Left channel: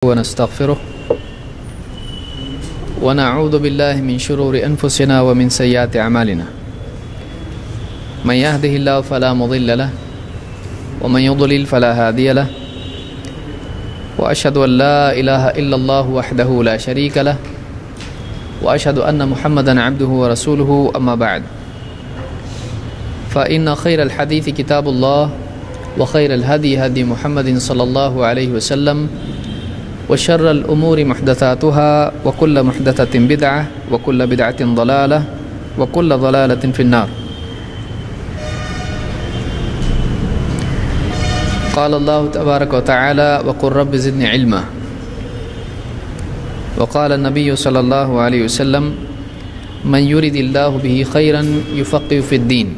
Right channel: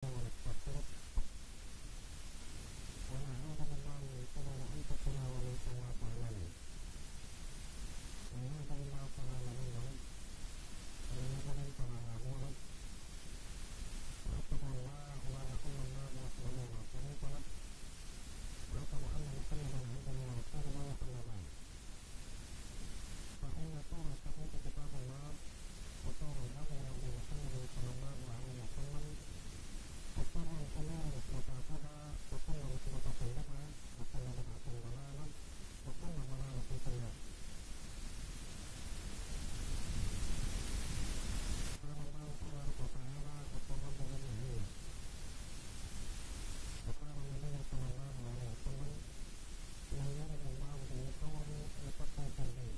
ونستغفره ونعوذ بالله من شرور أنفسنا ومن سيئات أعمالنا من يهده الله فلا مضل له ومن يضلل فلا هادي له وأشهد أن لا إله إلا الله وحده لا شريك له وأشهد أن محمدا عبده ورسوله أما بعد فإن خير الحديث كتاب الله وخير الهدي هدي محمد صلى الله عليه وسلم وشر الأمور محدثاتها وكل محدثة بدعة وكل بدعة ضلالة وكل ضلالة في النار. قال الله تبارك وتعالى وقل رب زدني علما. وقال النبي صلى الله عليه وسلم من يرد الله به خيرا يفقه في الدين.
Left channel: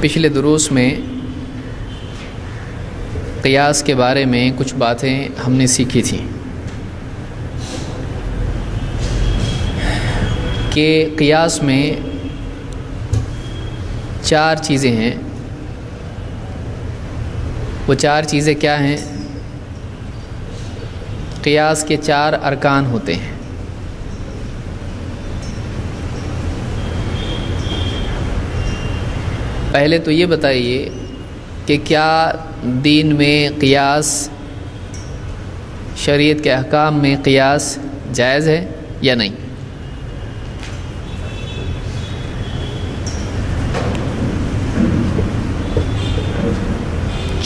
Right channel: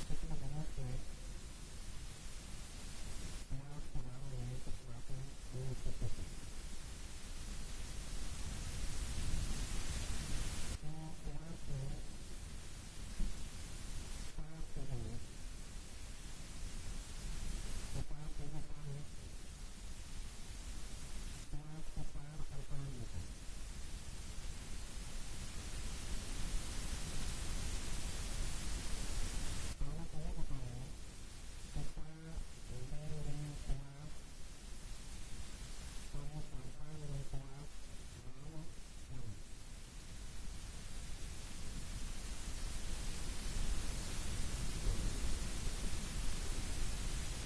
پچھلے دروس میں قیاس کے بارے میں کچھ باتیں ہم نے سیکھی تھیں کہ قیاس میں چار چیزیں ہیں. وہ چار چیزیں کیا ہیں؟ قیاس کے چار ارکان ہوتے ہیں. پہلے تو یہ بتائیے کہ کیا دین میں قیاس، شریعت کے احکام میں قیاس جائز ہے یا نہیں؟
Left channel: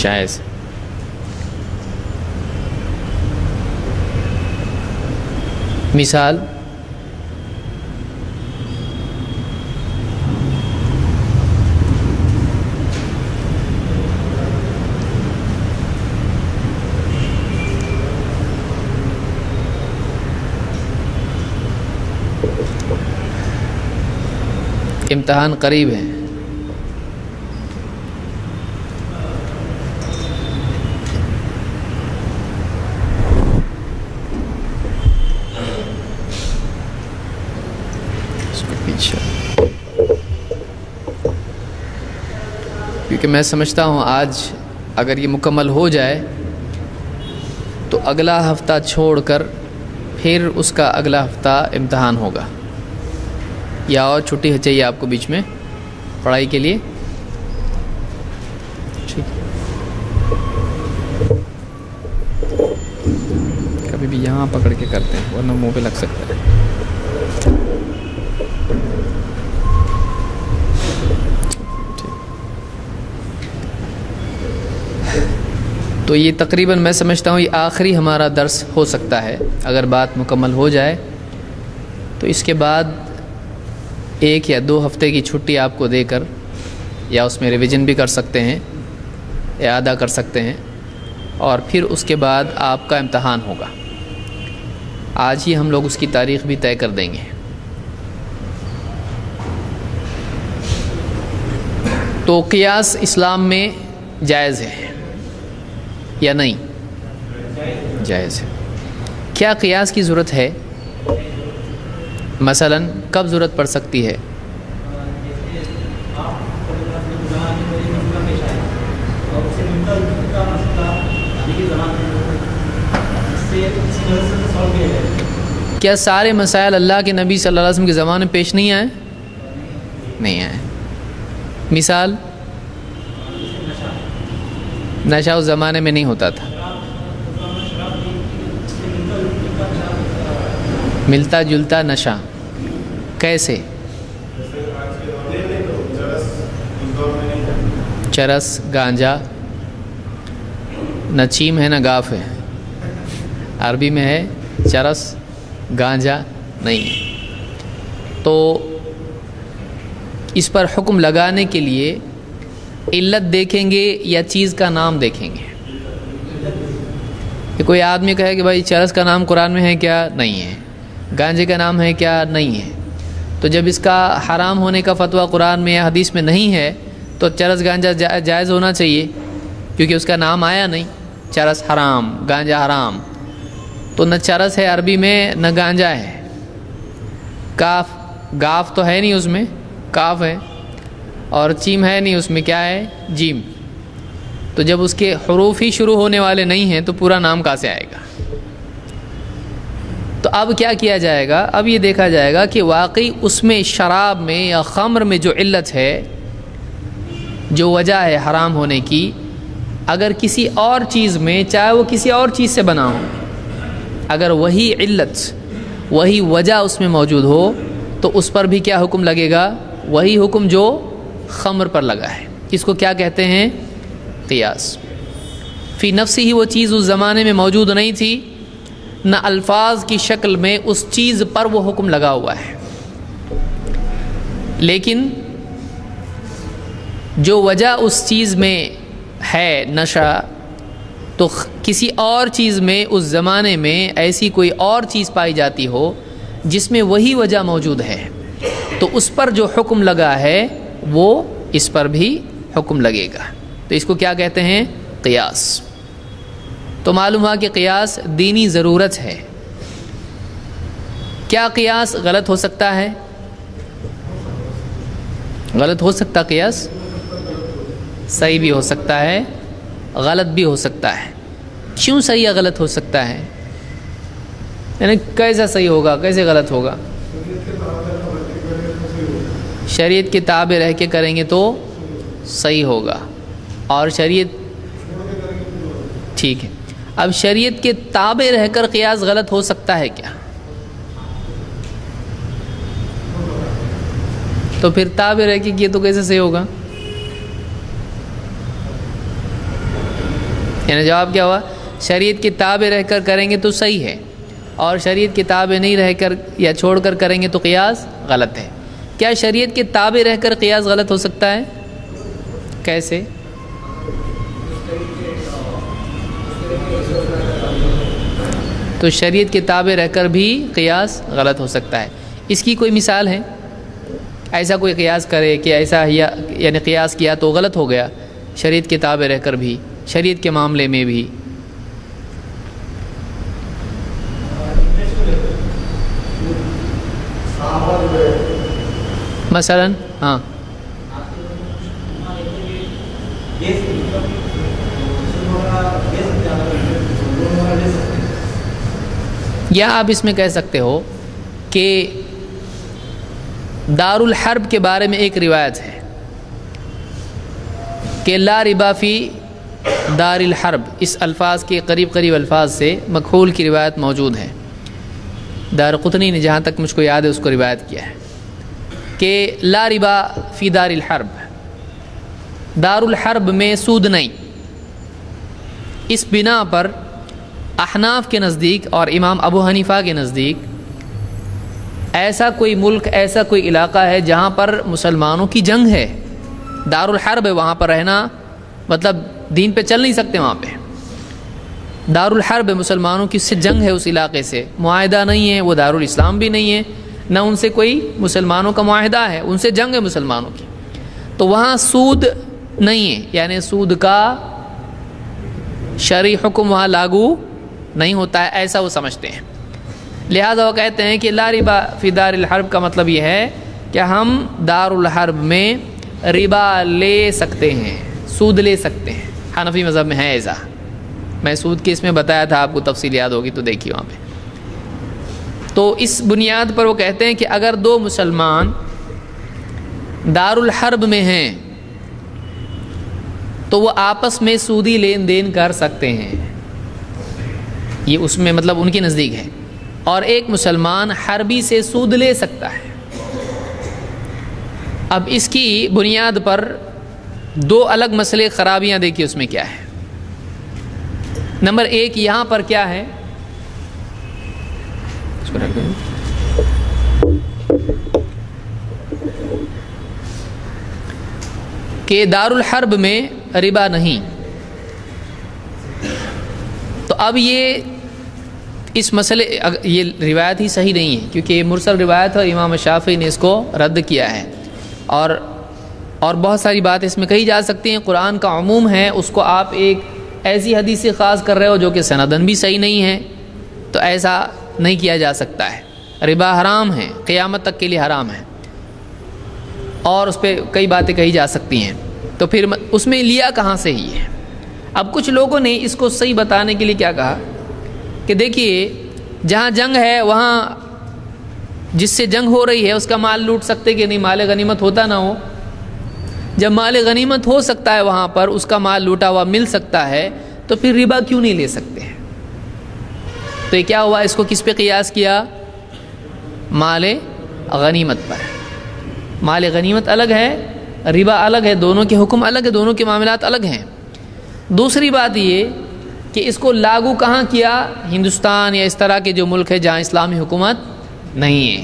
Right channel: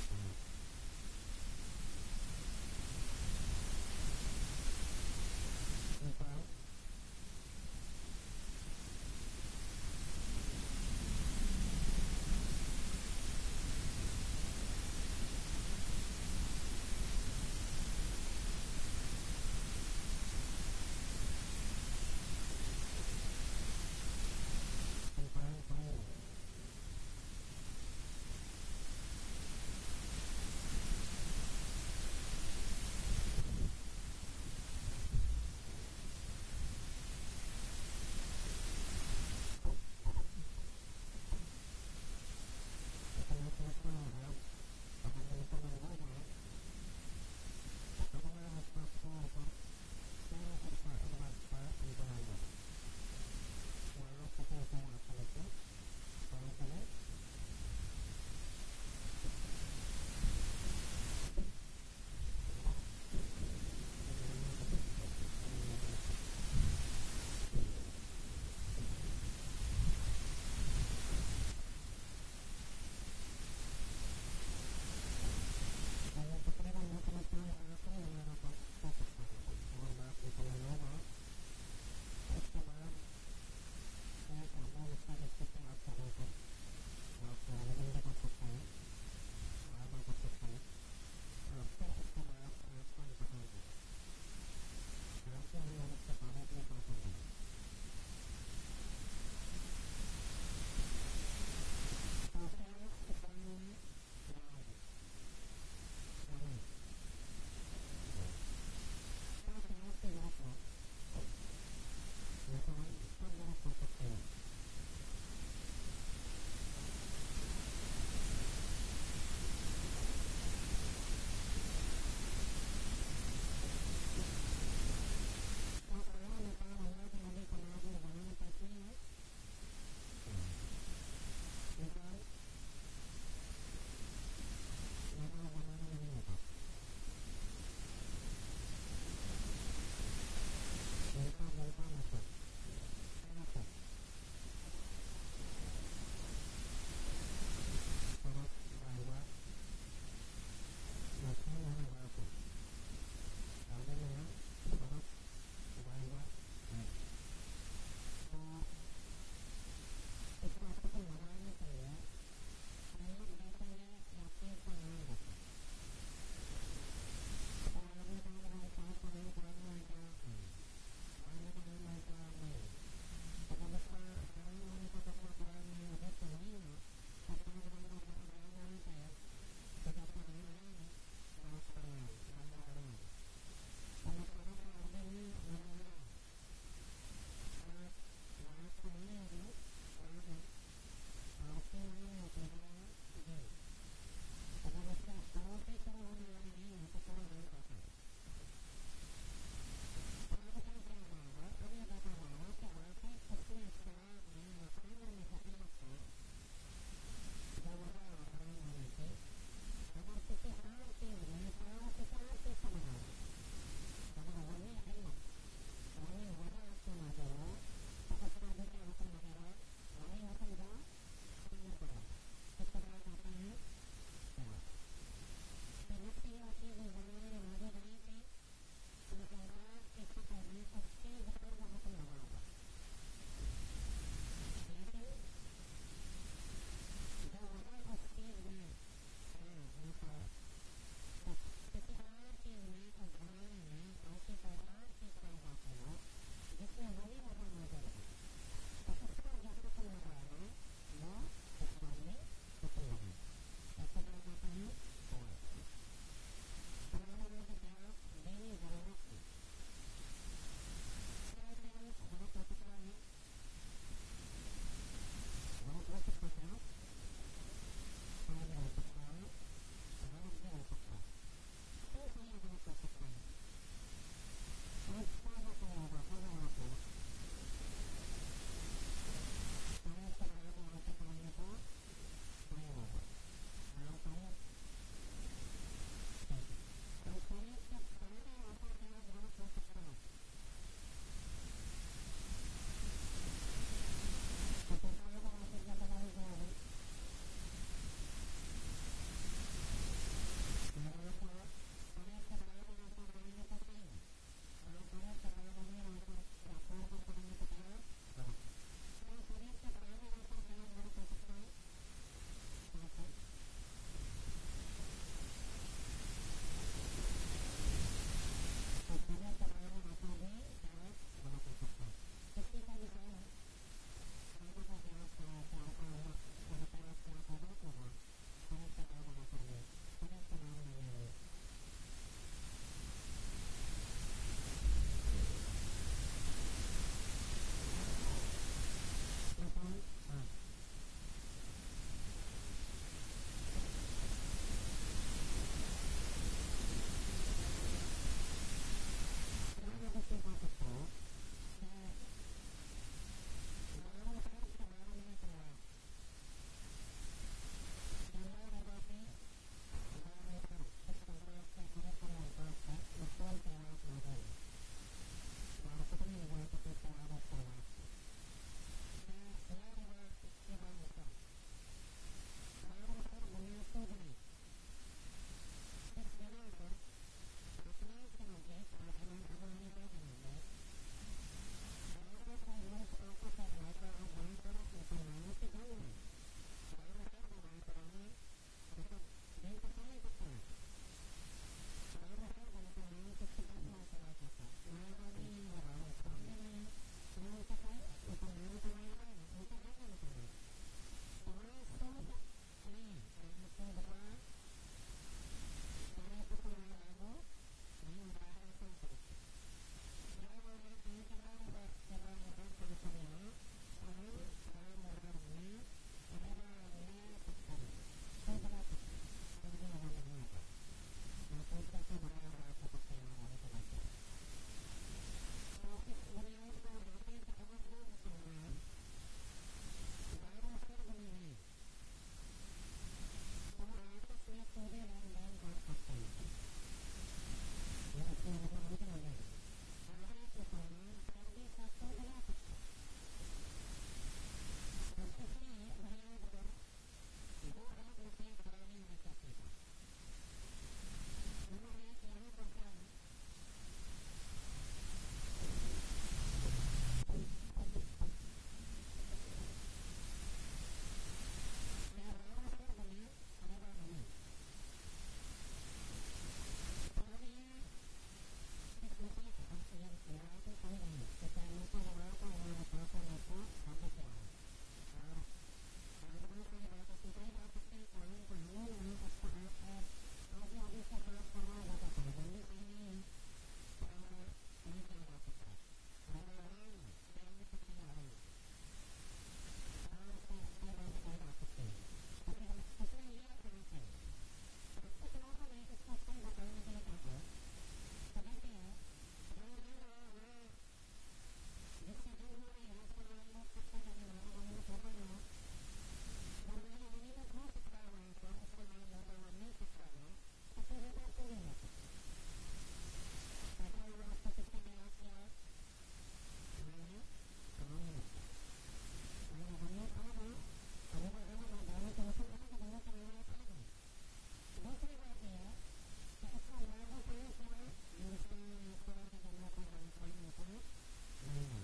جائز. مثال امتحان قریب ہے. کیونکہ میں سمجھتا ہوں آج اگر یہ مکمل ہو جائے تو اگلا ہفتہ چھوڑ کر پھر اس کا اگلا ہفتہ امتحان ہوگا، یا اور چھٹی چاہیے آپ کو بیچ میں پڑھائی کے لیے؟ ٹھیک، کبھی بھی یہاں پکڑ کے کرتے ہیں ورنہ منہ پہ لگ سکتا ہے. تو یہ تقریباً میں سمجھتا ہوں یہ آخری ہمارا درس ہو سکتا ہے. اگر بات مکمل ہو جائے تو اس کے بعد 1 یا 2 ہفتے کی چھٹی آپ کو دے کر یا اس میں ریویژن بھی کر سکتے ہیں، اعادہ کر سکتے ہیں، اور پھر اس کے بعد آپ کا امتحان ہوگا. آج ہی ہم لوگ اس کی تاریخ بھی طے کر دیں گے. تو قیاس اسلام میں جائز ہے یا نہیں؟ جائز ہے. کیا قیاس کی ضرورت ہے؟ مثلاً کب ضرورت پڑ سکتی ہے؟ کیا سارے مسائل اللہ کے نبی صلی اللہ علیہ وسلم کے زمانے میں پیش نہیں آئے؟ نہیں آئے. مثال نشہ اس زمانے میں نہیں ہوتا تھا. ملتا جلتا نشہ کیسے؟ چرس، گانجا، نہ چیم ہے نہ گاف ہے. عربی میں ہے چرس، گانجا نہیں ہے. تو اس پر حکم لگانے کے لیے علت دیکھیں گے یا چیز کا نام دیکھیں گے؟ کہ کوئی آدمی کہے کہ بھائی چرس کا نام قرآن میں ہے کیا؟ نہیں ہے. گانجے کا نام ہے کیا؟ نہیں ہے. تو جب اس کا حرام ہونے کا فتویٰ قرآن میں یا حدیث میں نہیں ہے تو چرس گانجا جائز ہونا چاہیے، کیونکہ اس کا نام آیا نہیں. چرس حرام، گانجا حرام. تو نہ چرس ہے عربی میں نہ گانجا ہے. کاف، گاف تو ہے نہیں اس میں، کاف ہے. اور چیم ہے نہیں اس میں، کیا ہے؟ جیم. تو جب اس کے حروف ہی شروع ہونے والے نہیں ہیں تو پورا نام کہاں سے آئے گا؟ تو اب کیا کیا جائے گا؟ اب یہ دیکھا جائے گا کہ واقعی اس میں شراب میں یا خمر میں جو علت ہے، جو وجہ ہے حرام ہونے کی، اگر کسی اور چیز میں، چاہے وہ کسی اور چیز سے بنا ہو، اگر وہی علت، وہی وجہ اس میں موجود ہو تو اس پر بھی کیا حکم لگے گا؟ وہی حکم جو خمر پر لگا ہے۔ اس کو کیا کہتے ہیں؟ قیاس۔ فی نفسی ہی وہ چیز اس زمانے میں موجود نہیں تھی، نہ الفاظ کی شکل میں اس چیز پر وہ حکم لگا ہوا ہے، لیکن جو وجہ اس چیز میں ہے، نشہ، تو کسی اور چیز میں اس زمانے میں ایسی کوئی اور چیز پائی جاتی ہو جس میں وہی وجہ موجود ہے، تو اس پر جو حکم لگا ہے وہ اس پر بھی حکم لگے گا۔ تو اس کو کیا کہتے ہیں؟ قیاس۔ تو معلوم ہوا کہ قیاس دینی ضرورت ہے۔ کیا قیاس غلط ہو سکتا ہے؟ غلط ہو سکتا قیاس؟ صحیح بھی ہو سکتا ہے، غلط بھی ہو سکتا ہے۔ کیوں صحیح یا غلط ہو سکتا ہے؟ یعنی کیسا صحیح ہوگا، کیسے غلط ہوگا؟ شریعت کے تابع رہ کے کریں گے تو صحیح ہوگا، اور شریعت، ٹھیک ہے، اب شریعت کے تابع رہ کر قیاس غلط ہو سکتا ہے کیا؟ تو پھر تابع رہ کے کیے تو کیسے صحیح ہوگا؟ یعنی جواب کیا ہوا؟ شریعت کے تابع رہ کر کریں گے تو صحیح ہے، اور شریعت کے تابع نہیں رہ کر یا چھوڑ کر کریں گے تو قیاس غلط ہے۔ کیا شریعت کے تابع رہ کر قیاس غلط ہو سکتا ہے؟ کیسے؟ تو شریعت کے تابع رہ کر بھی قیاس غلط ہو سکتا ہے۔ اس کی کوئی مثال ہے؟ ایسا کوئی قیاس کرے کہ ایسا یعنی قیاس کیا تو غلط ہو گیا، شریعت کے تابع رہ کر بھی، شریعت کے معاملے میں بھی؟ مثلا ہاں، یا آپ اس میں کہہ سکتے ہو کہ دار الحرب کے بارے میں ایک روایت ہے کہ لا ربا فی دار الحرب، اس الفاظ کے قریب قریب الفاظ سے مکحول کی روایت موجود ہے۔ دارقطنی نے جہاں تک مجھ کو یاد ہے اس کو روایت کیا ہے کہ لا ربا فی دار الحرب، دار الحرب میں سود نہیں۔ اس بنا پر احناف کے نزدیک اور امام ابو حنیفہ کے نزدیک ایسا کوئی ملک، ایسا کوئی علاقہ ہے جہاں پر مسلمانوں کی جنگ ہے، دار الحرب ہے، وہاں پر رہنا مطلب دین پہ چل نہیں سکتے، وہاں پہ دار الحرب ہے، مسلمانوں کی سے جنگ ہے، اس علاقے سے معاہدہ نہیں ہے، وہ دار الاسلام بھی نہیں ہے، نہ ان سے کوئی مسلمانوں کا معاہدہ ہے، ان سے جنگ ہے مسلمانوں کی، تو وہاں سود نہیں ہے، یعنی سود کا شرعی حکم وہاں لاگو نہیں ہوتا ہے، ایسا وہ سمجھتے ہیں۔ لہذا وہ کہتے ہیں کہ لا ربا فی دار الحرب کا مطلب یہ ہے کہ ہم دار الحرب میں ربا لے سکتے ہیں، سود لے سکتے ہیں۔ حنفی مذہب میں ہے ایسا، میں سود کے اس میں بتایا تھا، آپ کو تفصیل یاد ہوگی تو دیکھیے وہاں پہ۔ تو اس بنیاد پر وہ کہتے ہیں کہ اگر دو مسلمان دار الحرب میں ہیں تو وہ آپس میں سودی لین دین کر سکتے ہیں، یہ اس میں مطلب ان کے نزدیک ہے، اور ایک مسلمان حربی سے سود لے سکتا ہے۔ اب اس کی بنیاد پر دو الگ مسئلے، خرابیاں دیکھیے اس میں کیا ہے۔ نمبر ایک، یہاں پر کیا ہے، اس کو رکھ دیں، کہ دار الحرب میں ربا نہیں، تو اب یہ اس مسئلے، یہ روایت ہی صحیح نہیں ہے کیونکہ یہ مرسل روایت ہے، اور امام شافعی نے اس کو رد کیا ہے، اور بہت ساری بات اس میں کہی جا سکتی ہیں۔ قرآن کا عموم ہے، اس کو آپ ایک ایسی حدیث سے خاص کر رہے ہو جو کہ سندن بھی صحیح نہیں ہے، تو ایسا نہیں کیا جا سکتا ہے۔ ربا حرام ہے، قیامت تک کے لیے حرام ہے، اور اس پہ کئی باتیں کہی جا سکتی ہیں، تو پھر اس میں لیا کہاں سے ہی ہے؟ اب کچھ لوگوں نے اس کو صحیح بتانے کے لیے کیا کہا کہ دیکھیے جہاں جنگ ہے وہاں جس سے جنگ ہو رہی ہے اس کا مال لوٹ سکتے کہ نہیں؟ مال غنیمت ہوتا نہ ہو؟ جب مال غنیمت ہو سکتا ہے وہاں پر اس کا مال لوٹا ہوا مل سکتا ہے تو پھر ربا کیوں نہیں لے سکتے ہیں؟ تو یہ کیا ہوا؟ اس کو کس پہ قیاس کیا؟ مال غنیمت پر۔ مال غنیمت الگ ہے، ربا الگ ہے، دونوں کے حکم الگ ہے، دونوں کے معاملات الگ ہیں۔ دوسری بات یہ کہ اس کو لاگو کہاں کیا؟ ہندوستان یا اس طرح کے جو ملک ہے جہاں اسلامی حکومت نہیں ہے،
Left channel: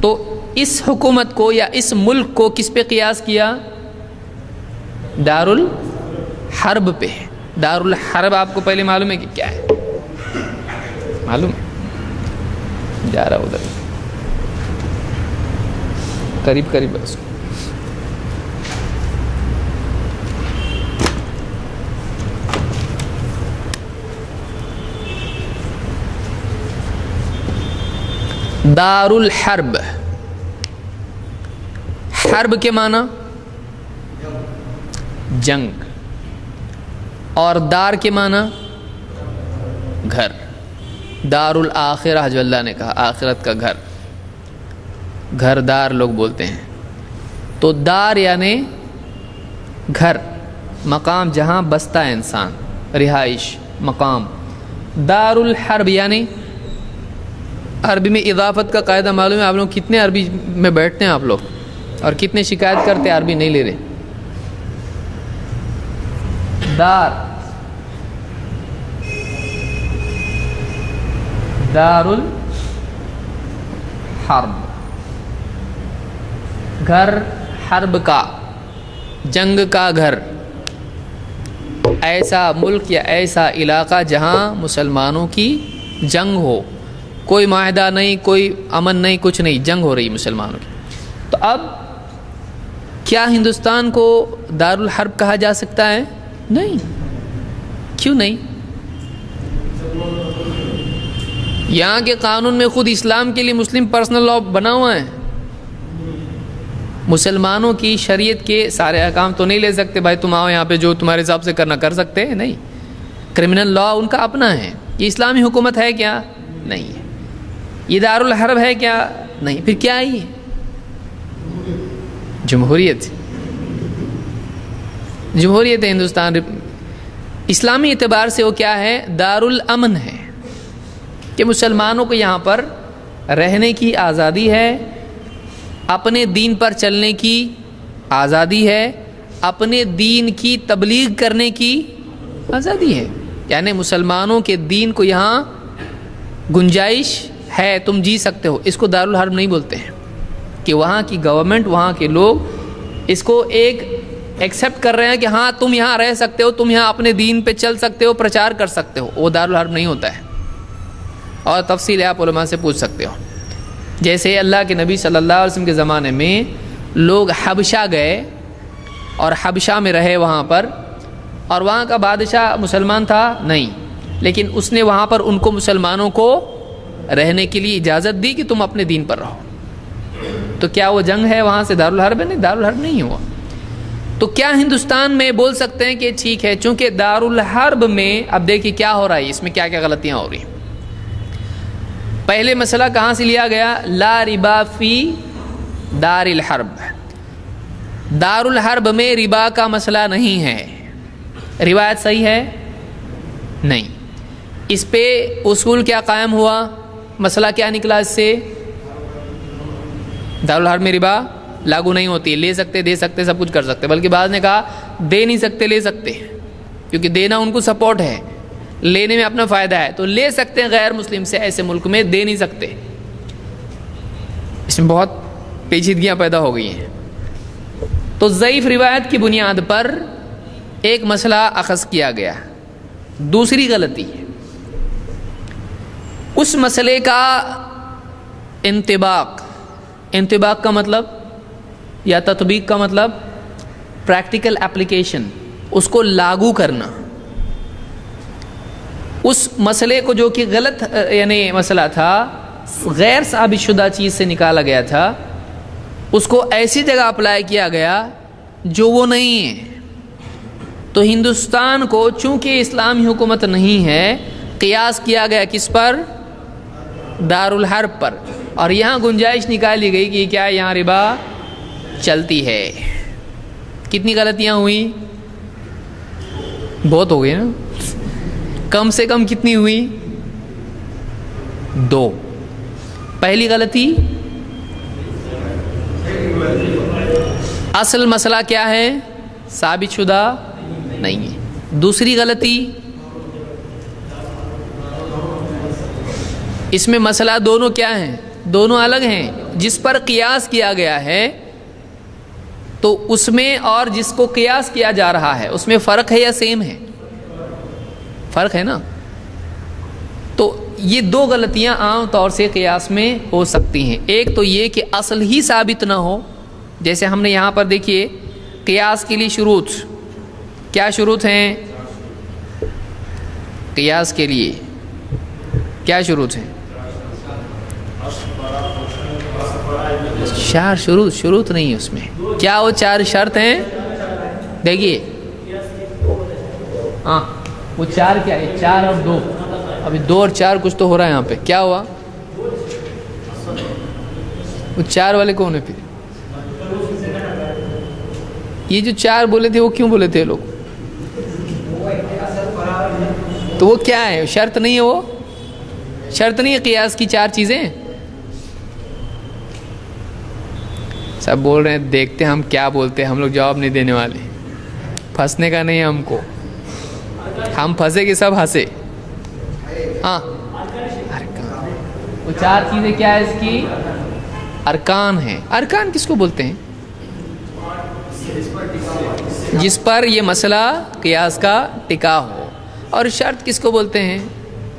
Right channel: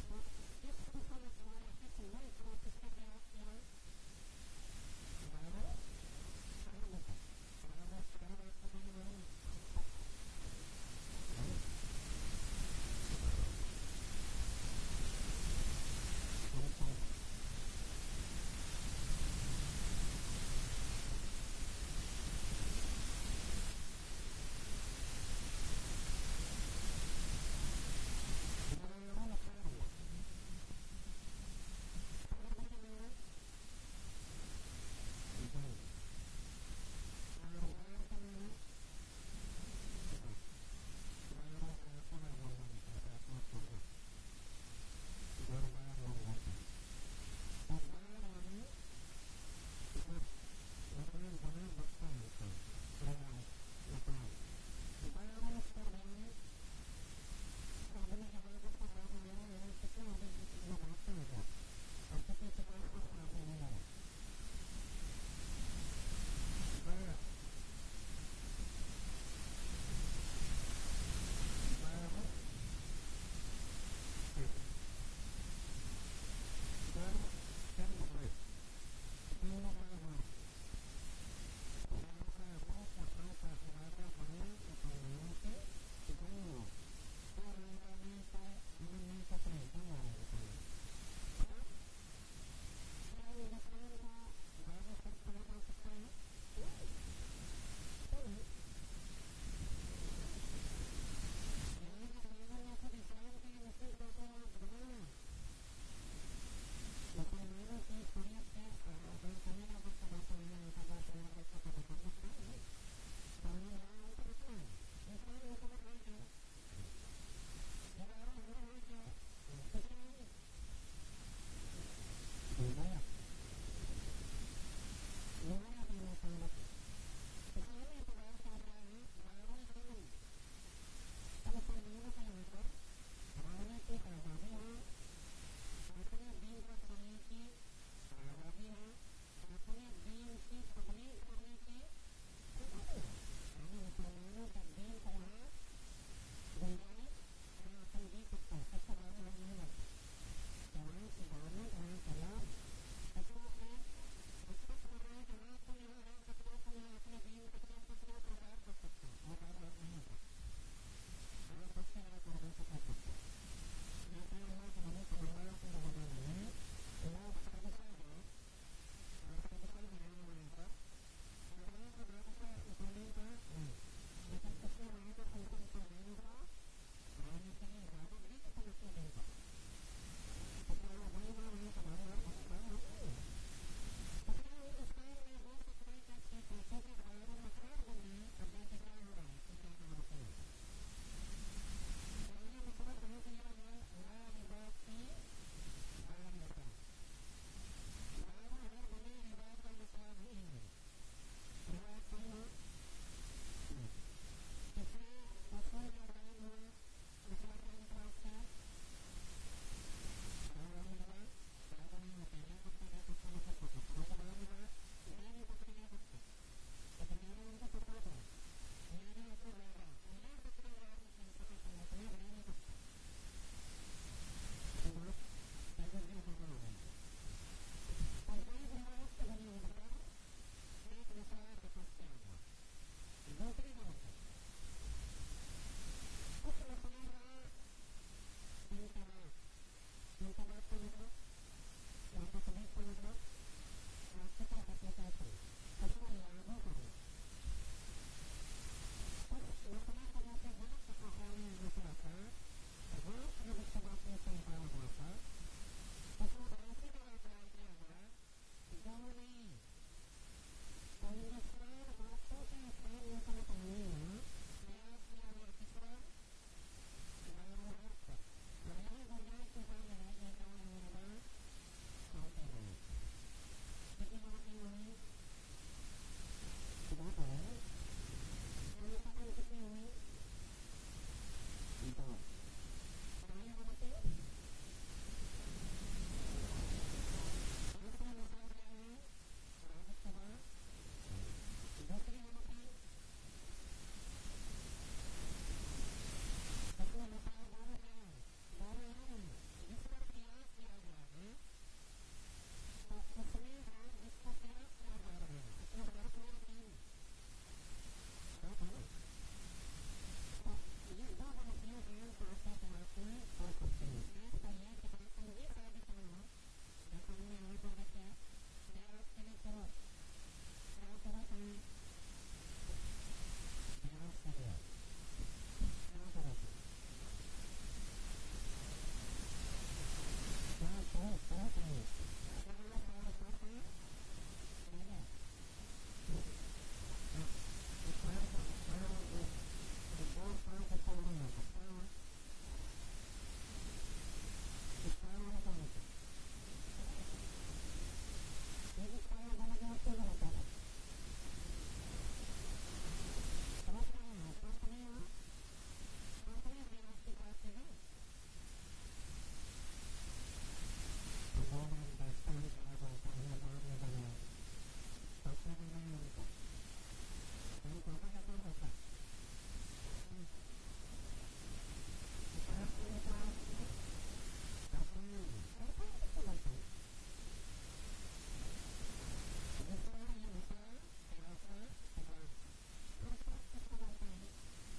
تو اس حکومت کو یا اس ملک کو کس پہ قیاس کیا؟ دار الحرب پہ۔ دار الحرب آپ کو پہلے معلوم ہے کہ کیا ہے؟ معلوم ہے؟ جا رہا ادھر قریب قریب اس کو۔ دار الحرب، حرب کے معنی جنگ، اور دار کے معنی گھر۔ دار الآخرہ جو اللہ نے کہا، آخرت کا گھر، گھر دار لوگ بولتے ہیں۔ تو دار یعنی گھر، مقام جہاں بستا ہے انسان، رہائش، مقام۔ دار الحرب یعنی عربی میں اضافت کا قاعدہ معلوم ہے آپ لوگ؟ کتنے عربی میں بیٹھتے ہیں آپ لوگ اور کتنے شکایت کرتے ہیں عربی نہیں لے رہے؟ دار، دار الحرب، گھر حرب کا، جنگ کا گھر، ایسا ملک یا ایسا علاقہ جہاں مسلمانوں کی جنگ ہو، کوئی معاہدہ نہیں، کوئی امن نہیں، کچھ نہیں، جنگ ہو رہی مسلمانوں کی۔ تو اب کیا ہندوستان کو دار الحرب کہا جا سکتا ہے؟ نہیں۔ کیوں نہیں؟ یہاں کے قانون میں خود اسلام کے لیے مسلم پرسنل لاء بنا ہوا ہے۔ مسلمانوں کی شریعت کے سارے احکام تو نہیں لے سکتے، بھائی تم آؤ یہاں پہ جو تمہارے حساب سے کرنا کر سکتے ہیں، نہیں۔ کرمنل لاء ان کا اپنا ہے۔ یہ اسلامی حکومت ہے کیا؟ نہیں ہے۔ یہ دار الحرب ہے کیا؟ نہیں۔ پھر کیا ہے؟ یہ جمہوریت، جمہوریت ہے ہندوستان۔ اسلامی اعتبار سے وہ کیا ہے؟ دار الامن ہے، کہ مسلمانوں کو یہاں پر رہنے کی آزادی ہے، اپنے دین پر چلنے کی آزادی ہے، اپنے دین کی تبلیغ کرنے کی آزادی ہے۔ یعنی مسلمانوں کے دین کو یہاں گنجائش ہے، تم جی سکتے ہو۔ اس کو دار الحرب نہیں بولتے ہیں، کہ وہاں کی گورنمنٹ، وہاں کے لوگ اس کو ایک ایکسیپٹ کر رہے ہیں کہ ہاں تم یہاں رہ سکتے ہو، تم یہاں اپنے دین پہ چل سکتے ہو، پرچار کر سکتے ہو۔ وہ دار الحرب نہیں ہوتا ہے، اور تفصیل آپ علماء سے پوچھ سکتے ہو۔ جیسے اللہ کے نبی صلی اللہ علیہ وسلم کے زمانے میں لوگ حبشہ گئے اور حبشہ میں رہے وہاں پر، اور وہاں کا بادشاہ مسلمان تھا نہیں، لیکن اس نے وہاں پر ان کو مسلمانوں کو رہنے کے لیے اجازت دی کہ تم اپنے دین پر رہو۔ تو کیا وہ جنگ ہے وہاں سے دار الحرب ہے؟ نہیں، دار الحرب نہیں ہوا۔ تو کیا ہندوستان میں بول سکتے ہیں کہ ٹھیک ہے، چونکہ دار الحرب میں اب دیکھیے کیا ہو رہا ہے، اس میں کیا کیا غلطیاں ہو رہی ہیں۔ پہلے مسئلہ کہاں سے لیا گیا؟ لا ربا فی دار الحرب۔ دار الحرب میں ربا کا مسئلہ نہیں ہے۔ روایت صحیح ہے؟ نہیں۔ اس پہ اصول کیا قائم ہوا؟ مسئلہ کیا نکلا اس سے؟ دار الحرب میں ربا لاگو نہیں ہوتی، لے سکتے، دے سکتے، سب کچھ کر سکتے، بلکہ بعض نے کہا دے نہیں سکتے، لے سکتے، کیونکہ دینا ان کو سپورٹ ہے، لینے میں اپنا فائدہ ہے، تو لے سکتے ہیں غیر مسلم سے، ایسے ملک میں دے نہیں سکتے۔ اس میں بہت پیچیدگیاں پیدا ہو گئی ہیں۔ تو ضعیف روایت کی بنیاد پر ایک مسئلہ اخذ کیا گیا۔ دوسری غلطی، اس مسئلے کا انطباق کا مطلب یا تطبیق کا مطلب پریکٹیکل اپلیکیشن، اس کو لاگو کرنا۔ اس مسئلے کو جو کہ غلط یعنی مسئلہ تھا، غیر ثابت شدہ چیز سے نکالا گیا تھا، اس کو ایسی جگہ اپلائی کیا گیا جو وہ نہیں ہے۔ تو ہندوستان کو چونکہ اسلامی حکومت نہیں ہے، قیاس کیا گیا کس پر؟ دارالحرب پر، اور یہاں گنجائش نکالی گئی کہ کیا یہاں ربا چلتی ہے۔ کتنی غلطیاں ہوئی؟ بہت ہو گئی نا، کم سے کم کتنی ہوئی؟ 2۔ پہلی غلطی، اصل مسئلہ کیا ہے؟ ثابت شدہ نہیں ہے۔ دوسری غلطی، اس میں مسئلہ دونوں کیا ہیں؟ دونوں الگ ہیں۔ جس پر قیاس کیا گیا ہے تو اس میں اور جس کو قیاس کیا جا رہا ہے اس میں فرق ہے یا سیم ہے؟ فرق ہے نا۔ تو یہ 2 غلطیاں عام طور سے قیاس میں ہو سکتی ہیں۔ ایک تو یہ کہ اصل ہی ثابت نہ ہو، جیسے ہم نے یہاں پر دیکھیے قیاس کے لیے شروط، کیا شروط ہیں؟ قیاس کے لیے کیا شروط ہیں؟ 4 شروط نہیں ہے اس میں۔ کیا وہ 4 شرط ہیں؟ دیکھیے ہاں وہ 4 کیا ہے؟ 4 اور 2، ابھی 2 اور 4 کچھ تو ہو رہا ہے یہاں پہ۔ کیا ہوا؟ وہ 4 والے کون ہیں پھر؟ یہ جو 4 بولے تھے وہ کیوں بولے تھے لوگ؟ تو وہ کیا ہے؟ شرط نہیں ہے، وہ شرط نہیں ہے قیاس کی 4 چیزیں۔ سب بول رہے ہیں دیکھتے ہم کیا بولتے ہیں، ہم لوگ جواب نہیں دینے والے، پھنسنے کا نہیں ہے ہم کو، ہم پھنسے کہ سب ہنسے۔ ہاں وہ 4 چیزیں کیا ہے اس کی؟ ارکان ہیں۔ ارکان کس کو بولتے ہیں؟ جس پر یہ مسئلہ قیاس کا ٹکا ہو۔ اور شرط کس کو بولتے ہیں؟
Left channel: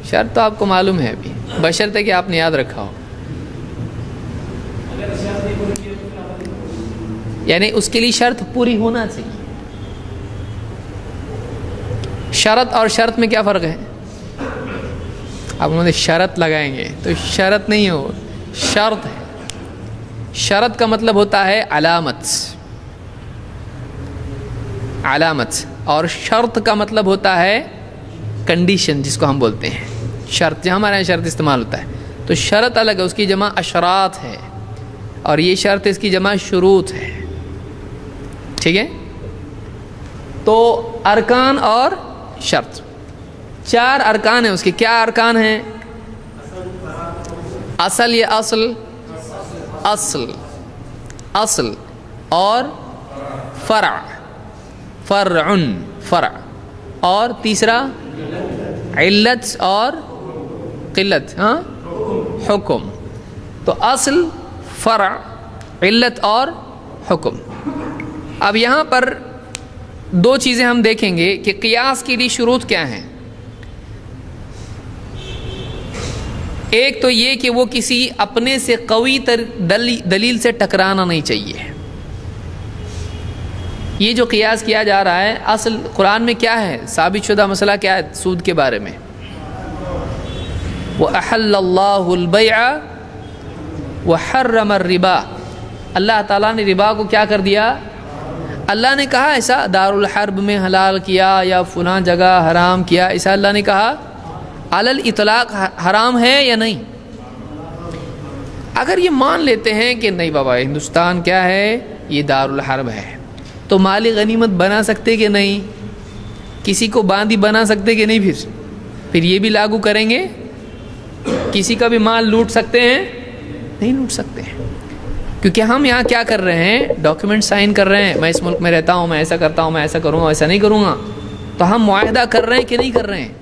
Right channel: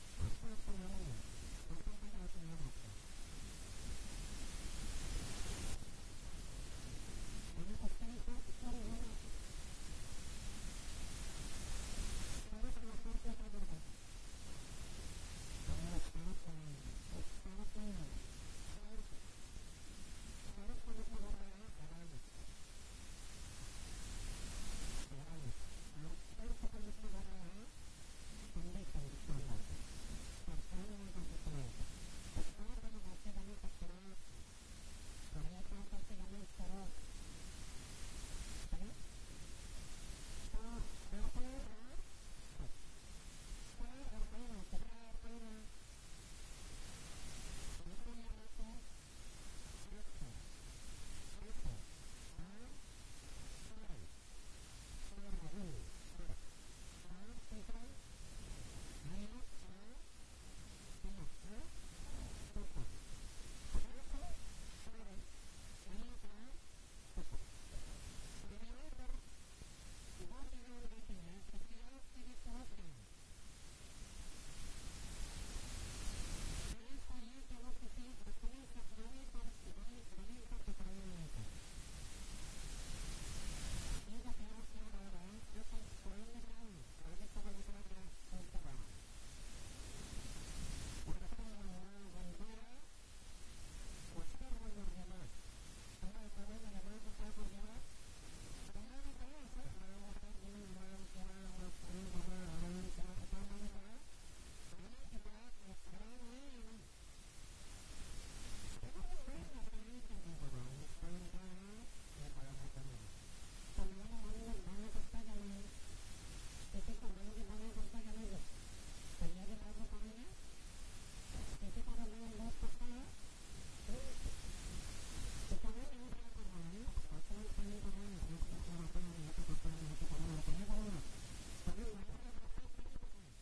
شرط تو آپ کو معلوم ہے ابھی، بشرطے کہ آپ نے یاد رکھا ہو، یعنی اس کے لیے شرط پوری ہونا چاہیے۔ شرط اور شرط میں کیا فرق ہے؟ اب انہوں نے شرط لگائیں گے تو شرط نہیں ہو، شرط ہے۔ شرط کا مطلب ہوتا ہے علامت، علامت، اور شرط کا مطلب ہوتا ہے کنڈیشن، جس کو ہم بولتے ہیں شرط۔ جہاں ہمارے یہاں شرط استعمال ہوتا ہے تو شرط الگ ہے، اس کی جمع اشراط ہے، اور یہ شرط اس کی جمع شروط ہے۔ ٹھیک ہے؟ تو ارکان اور شرط 4 ارکان ہیں اس کے۔ کیا ارکان ہیں؟ اصل، یہ اصل، اصل، اصل، اور فرع، فرع، فرع، اور تیسرا علت اور قلت، ہاں حکم۔ تو اصل، فرع، علت اور حکم۔ اب یہاں پر 2 چیزیں ہم دیکھیں گے کہ قیاس کے لیے شروط کیا ہیں۔ ایک تو یہ کہ وہ کسی اپنے سے قوی تر دلیل سے ٹکرانا نہیں چاہیے۔ یہ جو قیاس کیا جا رہا ہے، اصل قرآن میں کیا ہے؟ ثابت شدہ مسئلہ کیا ہے سود کے بارے میں؟ وَأَحَلَّ اللَّهُ الْبَيْعَ وَحَرَّمَ الرِّبَا۔ اللہ تعالیٰ نے ربا کو کیا کر دیا؟ اللہ نے کہا ایسا دارالحرب میں حلال کیا یا فلاں جگہ حرام کیا، ایسا اللہ نے کہا؟ علی الاطلاق حرام ہے یا نہیں؟ اگر یہ مان لیتے ہیں کہ نہیں بابا ہندوستان کیا ہے؟ یہ دارالحرب ہے، تو مال غنیمت بنا سکتے کہ نہیں؟ کسی کو باندھی بنا سکتے کہ نہیں؟ پھر یہ بھی لاگو کریں گے؟ کسی کا بھی مال لوٹ سکتے ہیں؟ نہیں لوٹ سکتے ہیں، کیونکہ ہم یہاں کیا کر رہے ہیں؟ ڈاکیومنٹ سائن کر رہے ہیں، میں اس ملک میں رہتا ہوں، میں ایسا کرتا ہوں، میں ایسا کروں گا، ایسا نہیں کروں گا۔ تو ہم معاہدہ کر رہے ہیں کہ نہیں کر رہے ہیں؟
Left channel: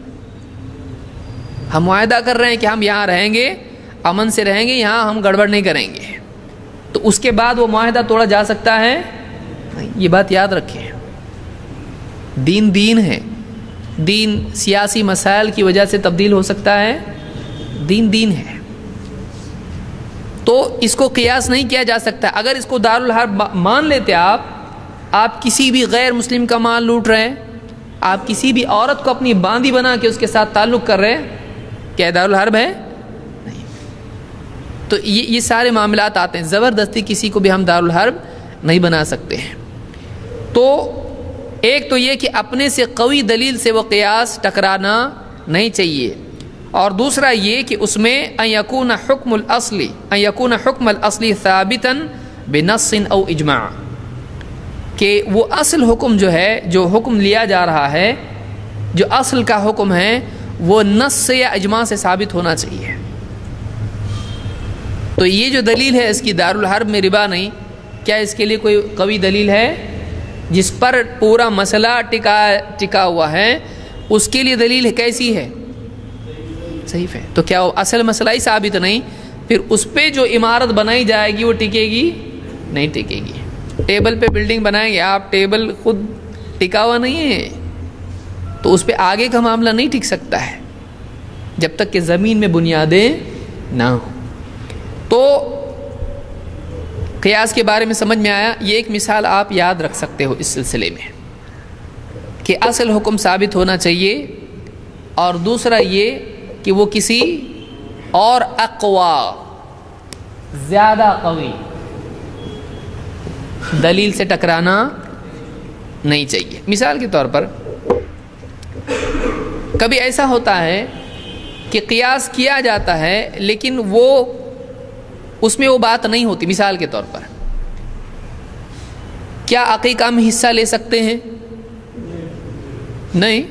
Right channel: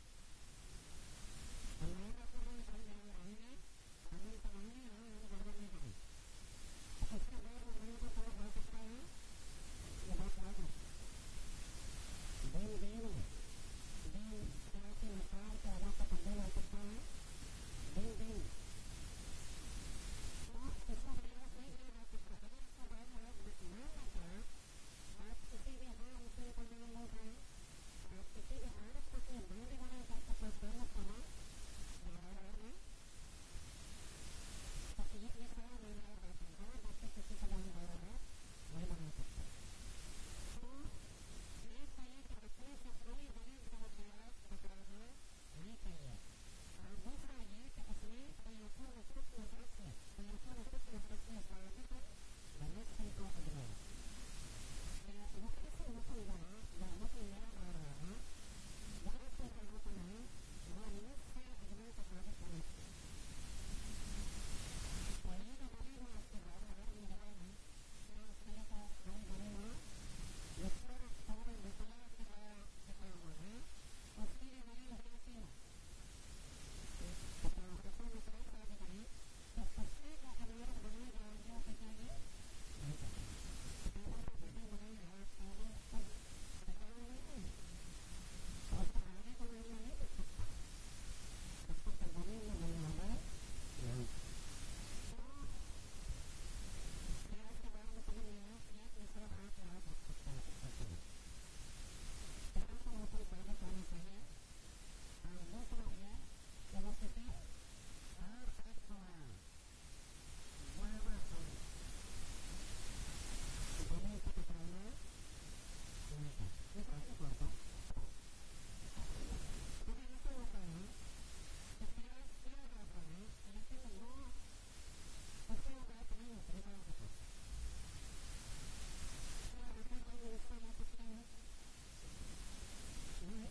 ہم معاہدہ کر رہے ہیں کہ ہم یہاں رہیں گے، امن سے رہیں گے، یہاں ہم گڑبڑ نہیں کریں گے۔ تو اس کے بعد وہ معاہدہ توڑا جا سکتا ہے؟ یہ بات یاد رکھیں۔ دین دین ہے، دین سیاسی مسائل کی وجہ سے تبدیل ہو سکتا ہے، دین دین ہے، تو اس کو قیاس نہیں کیا جا سکتا۔ اگر اس کو دارالحرب مان لیتے آپ کسی بھی غیر مسلم کا مال لوٹ رہے ہیں، آپ کسی بھی عورت کو اپنی باندھی بنا کے اس کے ساتھ تعلق کر رہے ہیں، کیا دارالحرب ہے؟ نہیں۔ تو یہ سارے معاملات آتے ہیں، زبردستی کسی کو بھی ہم دارالحرب نہیں بنا سکتے ہیں۔ تو ایک تو یہ کہ اپنے سے قوی دلیل سے وہ قیاس ٹکرانا نہیں چاہیے، اور دوسرا یہ کہ اس میں ان یکون حکم الاصلی ثابتا بنص او اجماع، کہ وہ اصل حکم جو ہے، جو حکم لیا جا رہا ہے، جو اصل کا حکم ہے، وہ نص سے یا اجماع سے ثابت ہونا چاہیے۔ تو یہ جو دلیل ہے اس کی دارالحرب میں ربا نہیں، کیا اس کے لیے کوئی قوی دلیل ہے جس پر پورا مسئلہ ٹکا ہوا ہے؟ اس کے لیے دلیل کیسی ہے؟ صحیح ہے۔ تو کیا وہ اصل مسئلہ ہی ثابت نہیں؟ پھر اس پہ جو عمارت بنائی جائے گی وہ ٹکے گی؟ نہیں ٹکے گی۔ ٹیبل پہ بلڈنگ بنائیں گے آپ، ٹیبل خود ٹکا ہوا نہیں ہے، تو اس پہ آگے کا معاملہ نہیں ٹک سکتا ہے جب تک کہ زمین میں بنیادیں نہ ہوں۔ تو قیاس کے بارے میں سمجھ میں آیا۔ یہ ایک مثال آپ یاد رکھ سکتے ہو اس سلسلے میں کہ اصل حکم ثابت ہونا چاہیے، اور دوسرا یہ کہ وہ کسی اور اقوا، زیادہ قوی دلیل سے ٹکرانا نہیں چاہیے۔ مثال کے طور پر کبھی ایسا ہوتا ہے کہ قیاس کیا جاتا ہے لیکن وہ اس میں وہ بات نہیں ہوتی۔ مثال کے طور پر کیا عقیقہ میں حصہ لے سکتے ہیں؟ نہیں۔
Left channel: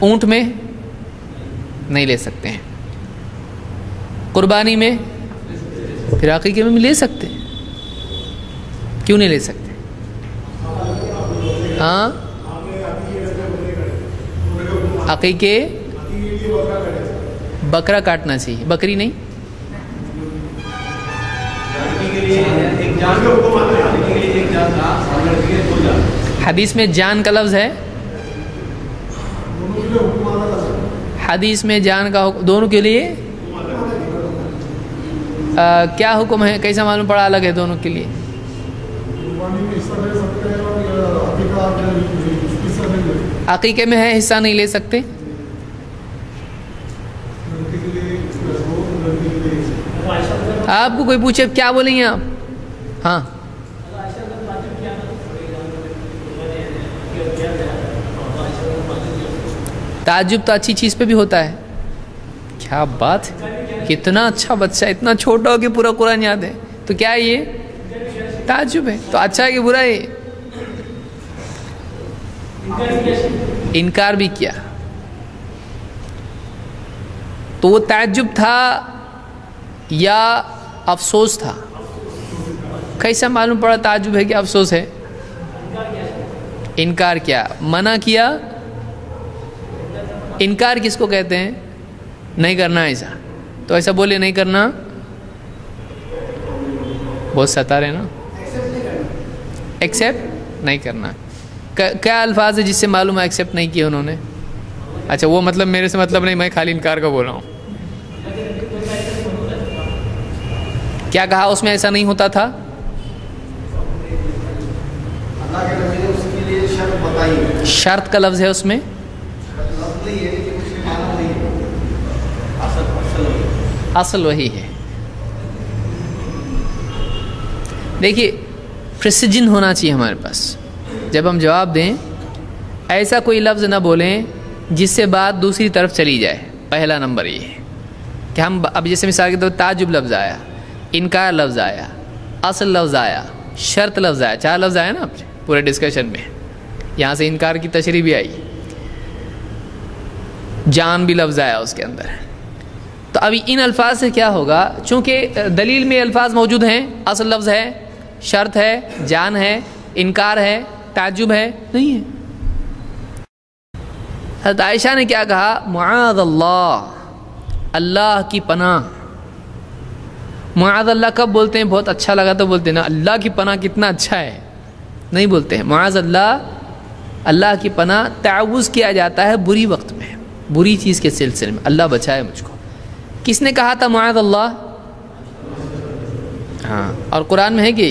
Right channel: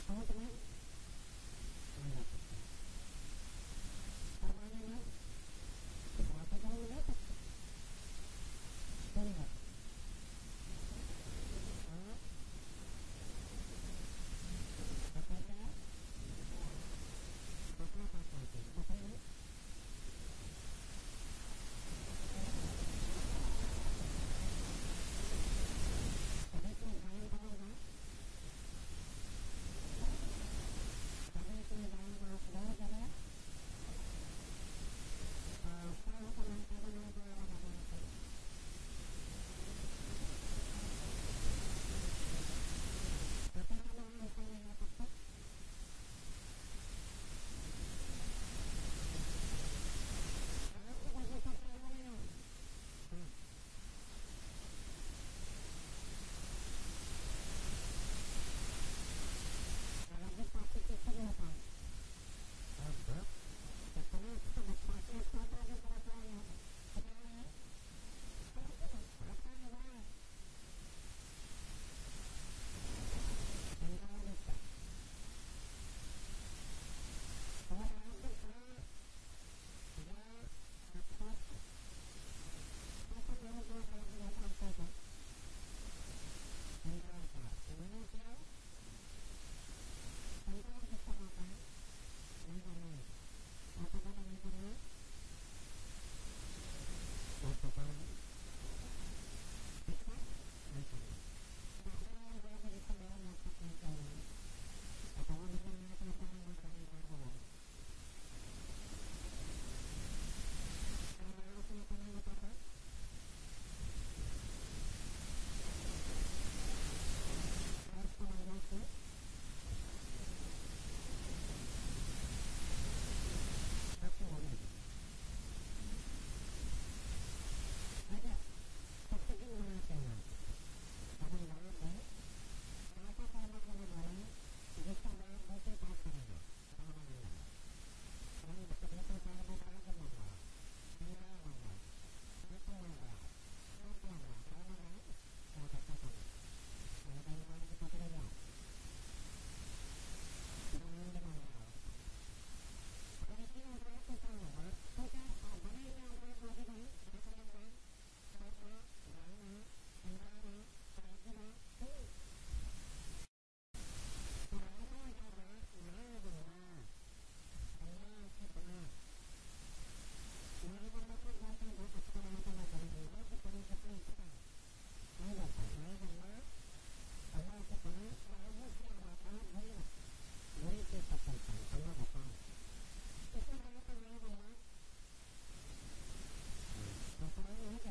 اونٹ میں نہیں لے سکتے ہیں۔ قربانی میں؟ پھر عقیقے میں لے سکتے ہیں، کیوں نہیں لے سکتے؟ ہاں، عقیقے بکرا کاٹنا چاہیے، بکری نہیں۔ حدیث میں جان کا لفظ ہے، حدیث میں جان کا حکم دونوں کے لیے کیا حکم ہے؟ کیسا معلوم پڑا الگ ہے دونوں کے لیے؟ عقیقے میں ہے حصہ نہیں لے سکتے، آپ کو کوئی پوچھے کیا بولیں گے آپ؟ ہاں، تعجب تو اچھی چیز پہ بھی ہوتا ہے۔ کیا بات ہے، کتنا اچھا بچہ، اتنا چھوٹا ہو کہ پورا قرآن یاد ہے، تو کیا یہ تعجب ہے؟ تو اچھا ہے کہ برا ہے؟ انکار بھی کیا، تو وہ تعجب تھا یا افسوس تھا؟ کیسا معلوم پڑا تعجب ہے کہ افسوس ہے؟ انکار کیا، منع کیا۔ انکار کس کو کہتے ہیں؟ نہیں کرنا ایسا، تو ایسا بولے نہیں کرنا، بہت ستا رہے نا، ایکسیپٹ نہیں کرنا۔ کیا الفاظ ہے جس سے معلوم ہے ایکسیپٹ نہیں کیا انہوں نے؟ اچھا، وہ مطلب میرے سے مطلب نہیں، میں خالی انکار کا بول رہا ہوں۔ کیا کہا اس میں ایسا نہیں ہوتا تھا؟ شرط کا لفظ ہے اس میں، اصل وہی ہے۔ دیکھیے، پریسیجن ہونا چاہیے ہمارے پاس جب ہم جواب دیں، ایسا کوئی لفظ نہ بولیں جس سے بات دوسری طرف چلی جائے۔ پہلا نمبر یہ ہے کہ ہم اب جیسے مثال کے طور پر تعجب لفظ آیا، انکار لفظ آیا، اصل لفظ آیا، شرط لفظ آیا، 4 لفظ آیا نا پورے ڈسکشن میں۔ یہاں سے انکار کی تشریح بھی آئی، جان بھی لفظ آیا اس کے اندر۔ تو ابھی ان الفاظ سے کیا ہوگا؟ چونکہ دلیل میں الفاظ موجود ہیں، اصل لفظ ہے، شرط ہے، جان ہے، انکار ہے، تعجب ہے، نہیں ہے۔ حضرت عائشہ نے کیا کہا؟ معاذ اللہ، اللہ کی پناہ۔ معاذ اللہ کب بولتے ہیں؟ بہت اچھا لگا تو بولتے ہیں نا، اللہ کی پناہ کتنا اچھا ہے، نہیں بولتے ہیں معاذ اللہ۔ اللہ کی پناہ تعوذ کیا جاتا ہے بری وقت میں، بری چیز کے سلسلے میں، اللہ بچائے مجھ کو۔ کس نے کہا تھا معاذ اللہ؟ ہاں، اور قرآن میں ہے کہ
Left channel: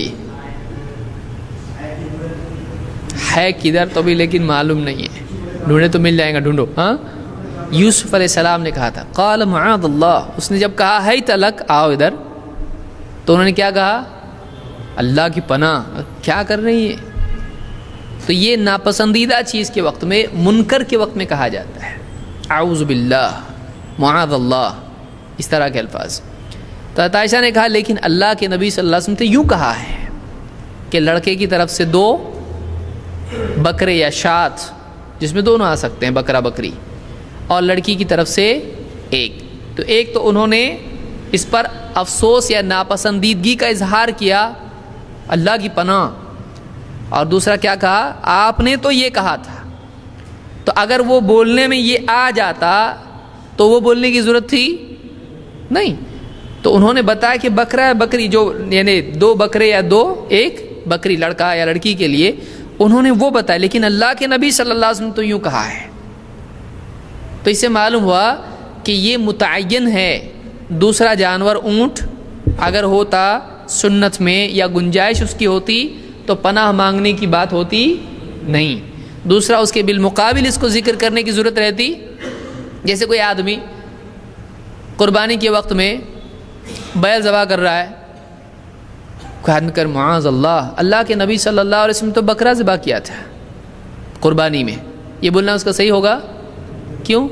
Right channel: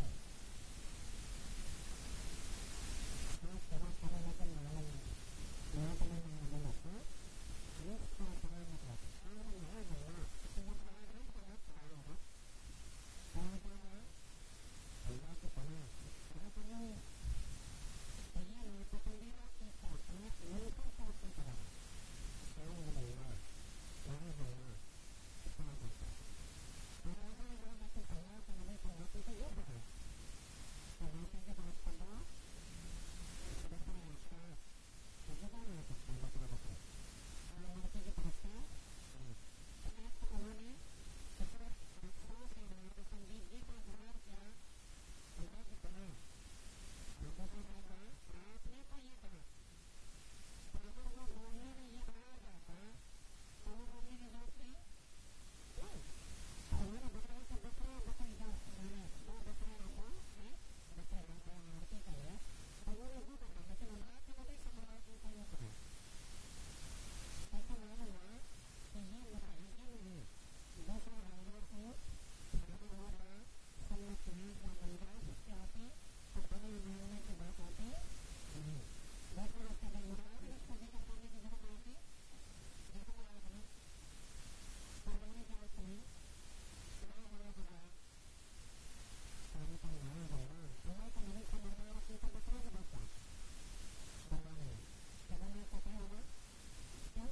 ہے کدھر تو بھی لیکن معلوم نہیں ہے، ڈھونڈے تو مل جائے گا، ڈھونڈو۔ ہاں، یوسف علیہ السلام نے کہا تھا، قال معاذ اللہ۔ اس نے جب کہا ہے تلک، آؤ ادھر، تو انہوں نے کیا کہا؟ اللہ کی پناہ کیا کر رہی ہے؟ تو یہ ناپسندیدہ چیز کے وقت میں، منکر کے وقت میں کہا جاتا ہے اعوذ باللہ، معاذ اللہ، اس طرح کے الفاظ۔ تو عائشہ نے کہا لیکن اللہ کے نبی صلی اللہ علیہ وسلم نے یوں کہا ہے کہ لڑکے کی طرف سے 2 بکرے یا شات، جس میں دونوں آ سکتے ہیں، بکرا بکری، اور لڑکی کی طرف سے 1۔ تو ایک تو انہوں نے اس پر افسوس یا ناپسندیدگی کا اظہار کیا، اللہ کی پناہ، اور دوسرا کیا کہا؟ آپ نے تو یہ کہا تھا۔ تو اگر وہ بولنے میں یہ آ جاتا تو وہ بولنے کی ضرورت تھی نہیں۔ تو انہوں نے بتایا کہ بکرا یا بکری، جو یعنی 2 بکرے یا 1 بکری، لڑکا یا لڑکی کے لیے، انہوں نے وہ بتایا، لیکن اللہ کے نبی صلی اللہ علیہ وسلم تو یوں کہا ہے۔ تو اس سے معلوم ہوا کہ یہ متعین ہے۔ دوسرا جانور اونٹ اگر ہوتا سنت میں یا گنجائش اس کی ہوتی تو پناہ مانگنے کی بات ہوتی نہیں۔ دوسرا اس کے بالمقابل اس کو ذکر کرنے کی ضرورت رہتی، جیسے کوئی آدمی قربانی کے وقت میں بیل ذبح کر رہا ہے، کوئی آدمی کر معاذ اللہ، اللہ کے نبی صلی اللہ علیہ وسلم تو بکرا ذبح کیا تھا قربانی میں، یہ بولنا اس کا صحیح ہوگا؟ کیوں؟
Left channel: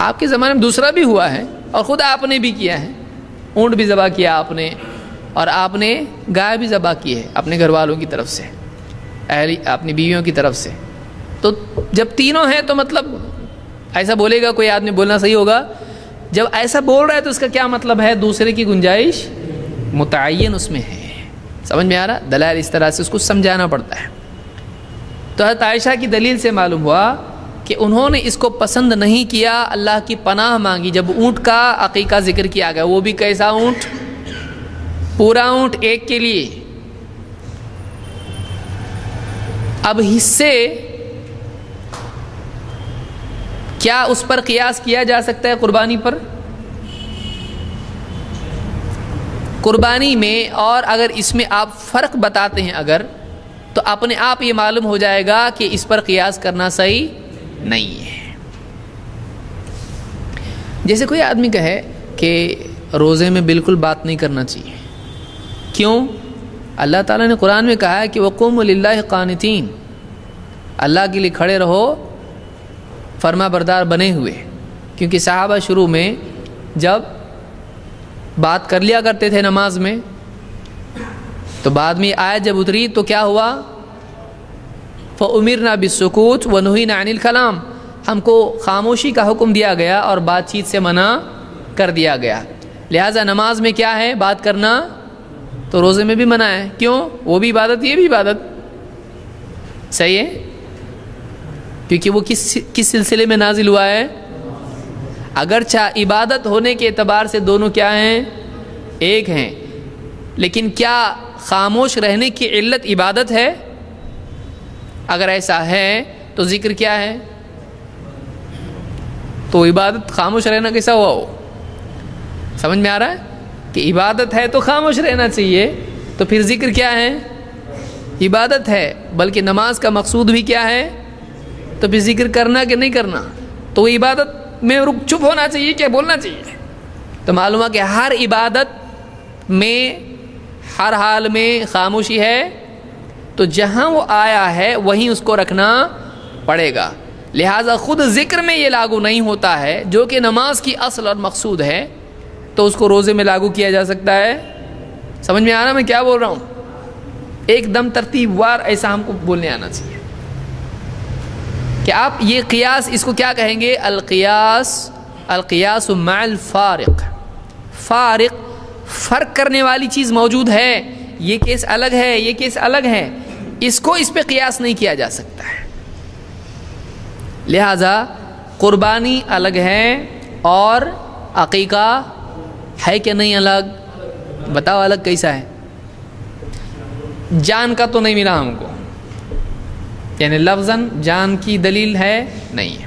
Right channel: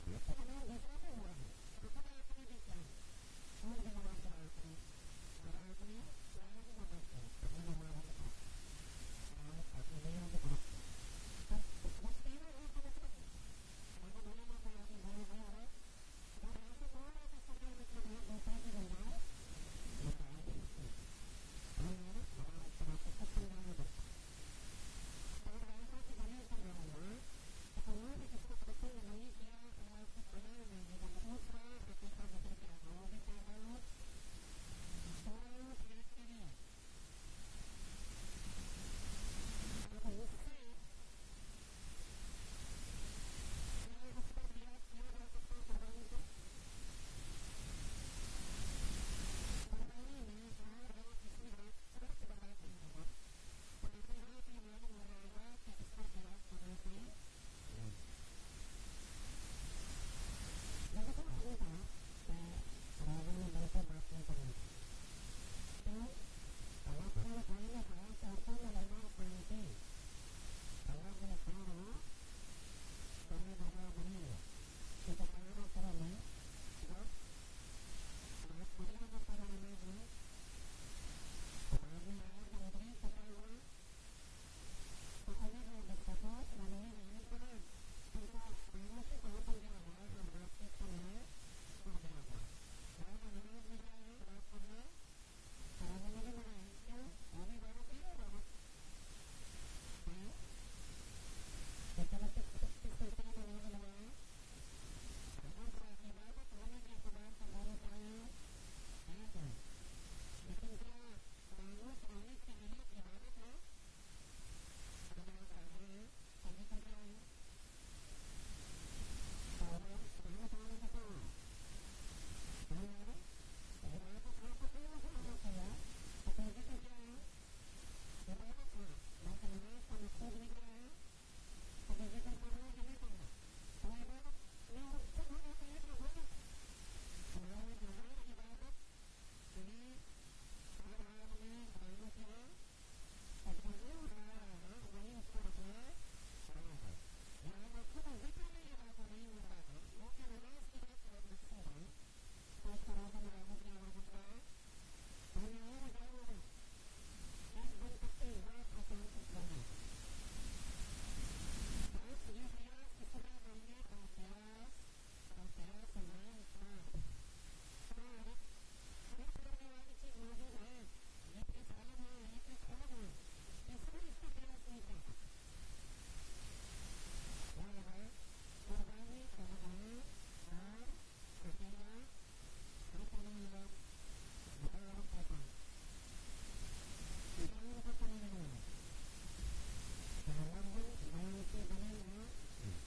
آپ کے زمانے میں دوسرا بھی ہوا ہے اور خود آپ نے بھی کیا ہے، اونٹ بھی ذبح کیا آپ نے، اور آپ نے گائے بھی ذبح کی ہے اپنے گھر والوں کی طرف سے، اپنی بیویوں کی طرف سے۔ تو جب تینوں ہیں تو مطلب ایسا بولے گا کوئی آدمی، بولنا صحیح ہوگا؟ جب ایسا بول رہا ہے تو اس کا کیا مطلب ہے؟ دوسرے کی گنجائش متعین اس میں ہے۔ سمجھ میں آ رہا؟ دلائل اس طرح سے اس کو سمجھانا پڑتا ہے۔ تو حضرت عائشہ کی دلیل سے معلوم ہوا کہ انہوں نے اس کو پسند نہیں کیا، اللہ کی پناہ مانگی۔ جب اونٹ کا عقیقہ ذکر کیا گیا، وہ بھی کیسا اونٹ؟ پورا اونٹ ایک کے لیے۔ اب حصے کیا اس پر قیاس کیا جا سکتا ہے قربانی پر؟ قربانی میں، اور اگر اس میں آپ فرق بتاتے ہیں اگر، تو اپنے آپ یہ معلوم ہو جائے گا کہ اس پر قیاس کرنا صحیح نہیں ہے۔ جیسے کوئی آدمی کہے کہ روزے میں بالکل بات نہیں کرنا چاہیے، کیوں؟ اللہ تعالیٰ نے قرآن میں کہا ہے کہ وَقُومُوا لِلَّهِ قَانِتِينَ، اللہ کے لیے کھڑے رہو فرما بردار بنے ہوئے۔ کیونکہ صحابہ شروع میں جب بات کر لیا کرتے تھے نماز میں، تو بعد میں آیت جب اتری تو کیا ہوا؟ فَأُمِرْنَا بِالسُّكُوتِ وَنُهِينَا عَنِ الْكَلَامِ، ہم کو خاموشی کا حکم دیا گیا اور بات چیت سے منع کر دیا گیا۔ لہٰذا نماز میں کیا ہے؟ بات کرنا، تو روزے میں بھی منع ہے۔ کیوں؟ وہ بھی عبادت، یہ بھی عبادت، صحیح ہے؟ کیونکہ وہ کس سلسلے میں نازل ہوا ہے؟ اگرچہ عبادت ہونے کے اعتبار سے دونوں کیا ہیں؟ ایک ہیں، لیکن کیا خاموش رہنے کی علت عبادت ہے؟ اگر ایسا ہے تو ذکر کیا ہے؟ تو عبادت خاموش رہنا کیسا ہوا ہو؟ سمجھ میں آ رہا ہے کہ عبادت ہے تو خاموش رہنا چاہیے، تو پھر ذکر کیا ہے؟ عبادت ہے، بلکہ نماز کا مقصود بھی کیا ہے؟ تو پھر ذکر کرنا کہ نہیں کرنا؟ تو وہ عبادت میں چپ ہونا چاہیے کیا بولنا چاہیے؟ تو معلوم ہے کہ ہر عبادت میں ہر حال میں خاموشی ہے، تو جہاں وہ آیا ہے وہیں اس کو رکھنا پڑے گا۔ لہٰذا خود ذکر میں یہ لاگو نہیں ہوتا ہے جو کہ نماز کی اصل اور مقصود ہے، تو اس کو روزے میں لاگو کیا جا سکتا ہے۔ سمجھ میں آ رہا میں کیا بول رہا ہوں؟ ایک دم ترتیب وار ایسا ہم کو بولنے آنا چاہیے کہ آپ یہ قیاس، اس کو کیا کہیں گے؟ القیاس مع الفارق، فارق، فرق کرنے والی چیز موجود ہے، یہ کیس الگ ہے، یہ کیس الگ ہے، اس کو اس پہ قیاس نہیں کیا جا سکتا ہے۔ لہذا قربانی الگ ہے اور عقیقہ ہے کہ نہیں الگ؟ بتاؤ الگ کیسا ہے؟ جان کا تو نہیں ملا ہم کو، یعنی لفظاً جان کی دلیل ہے نہیں ہے۔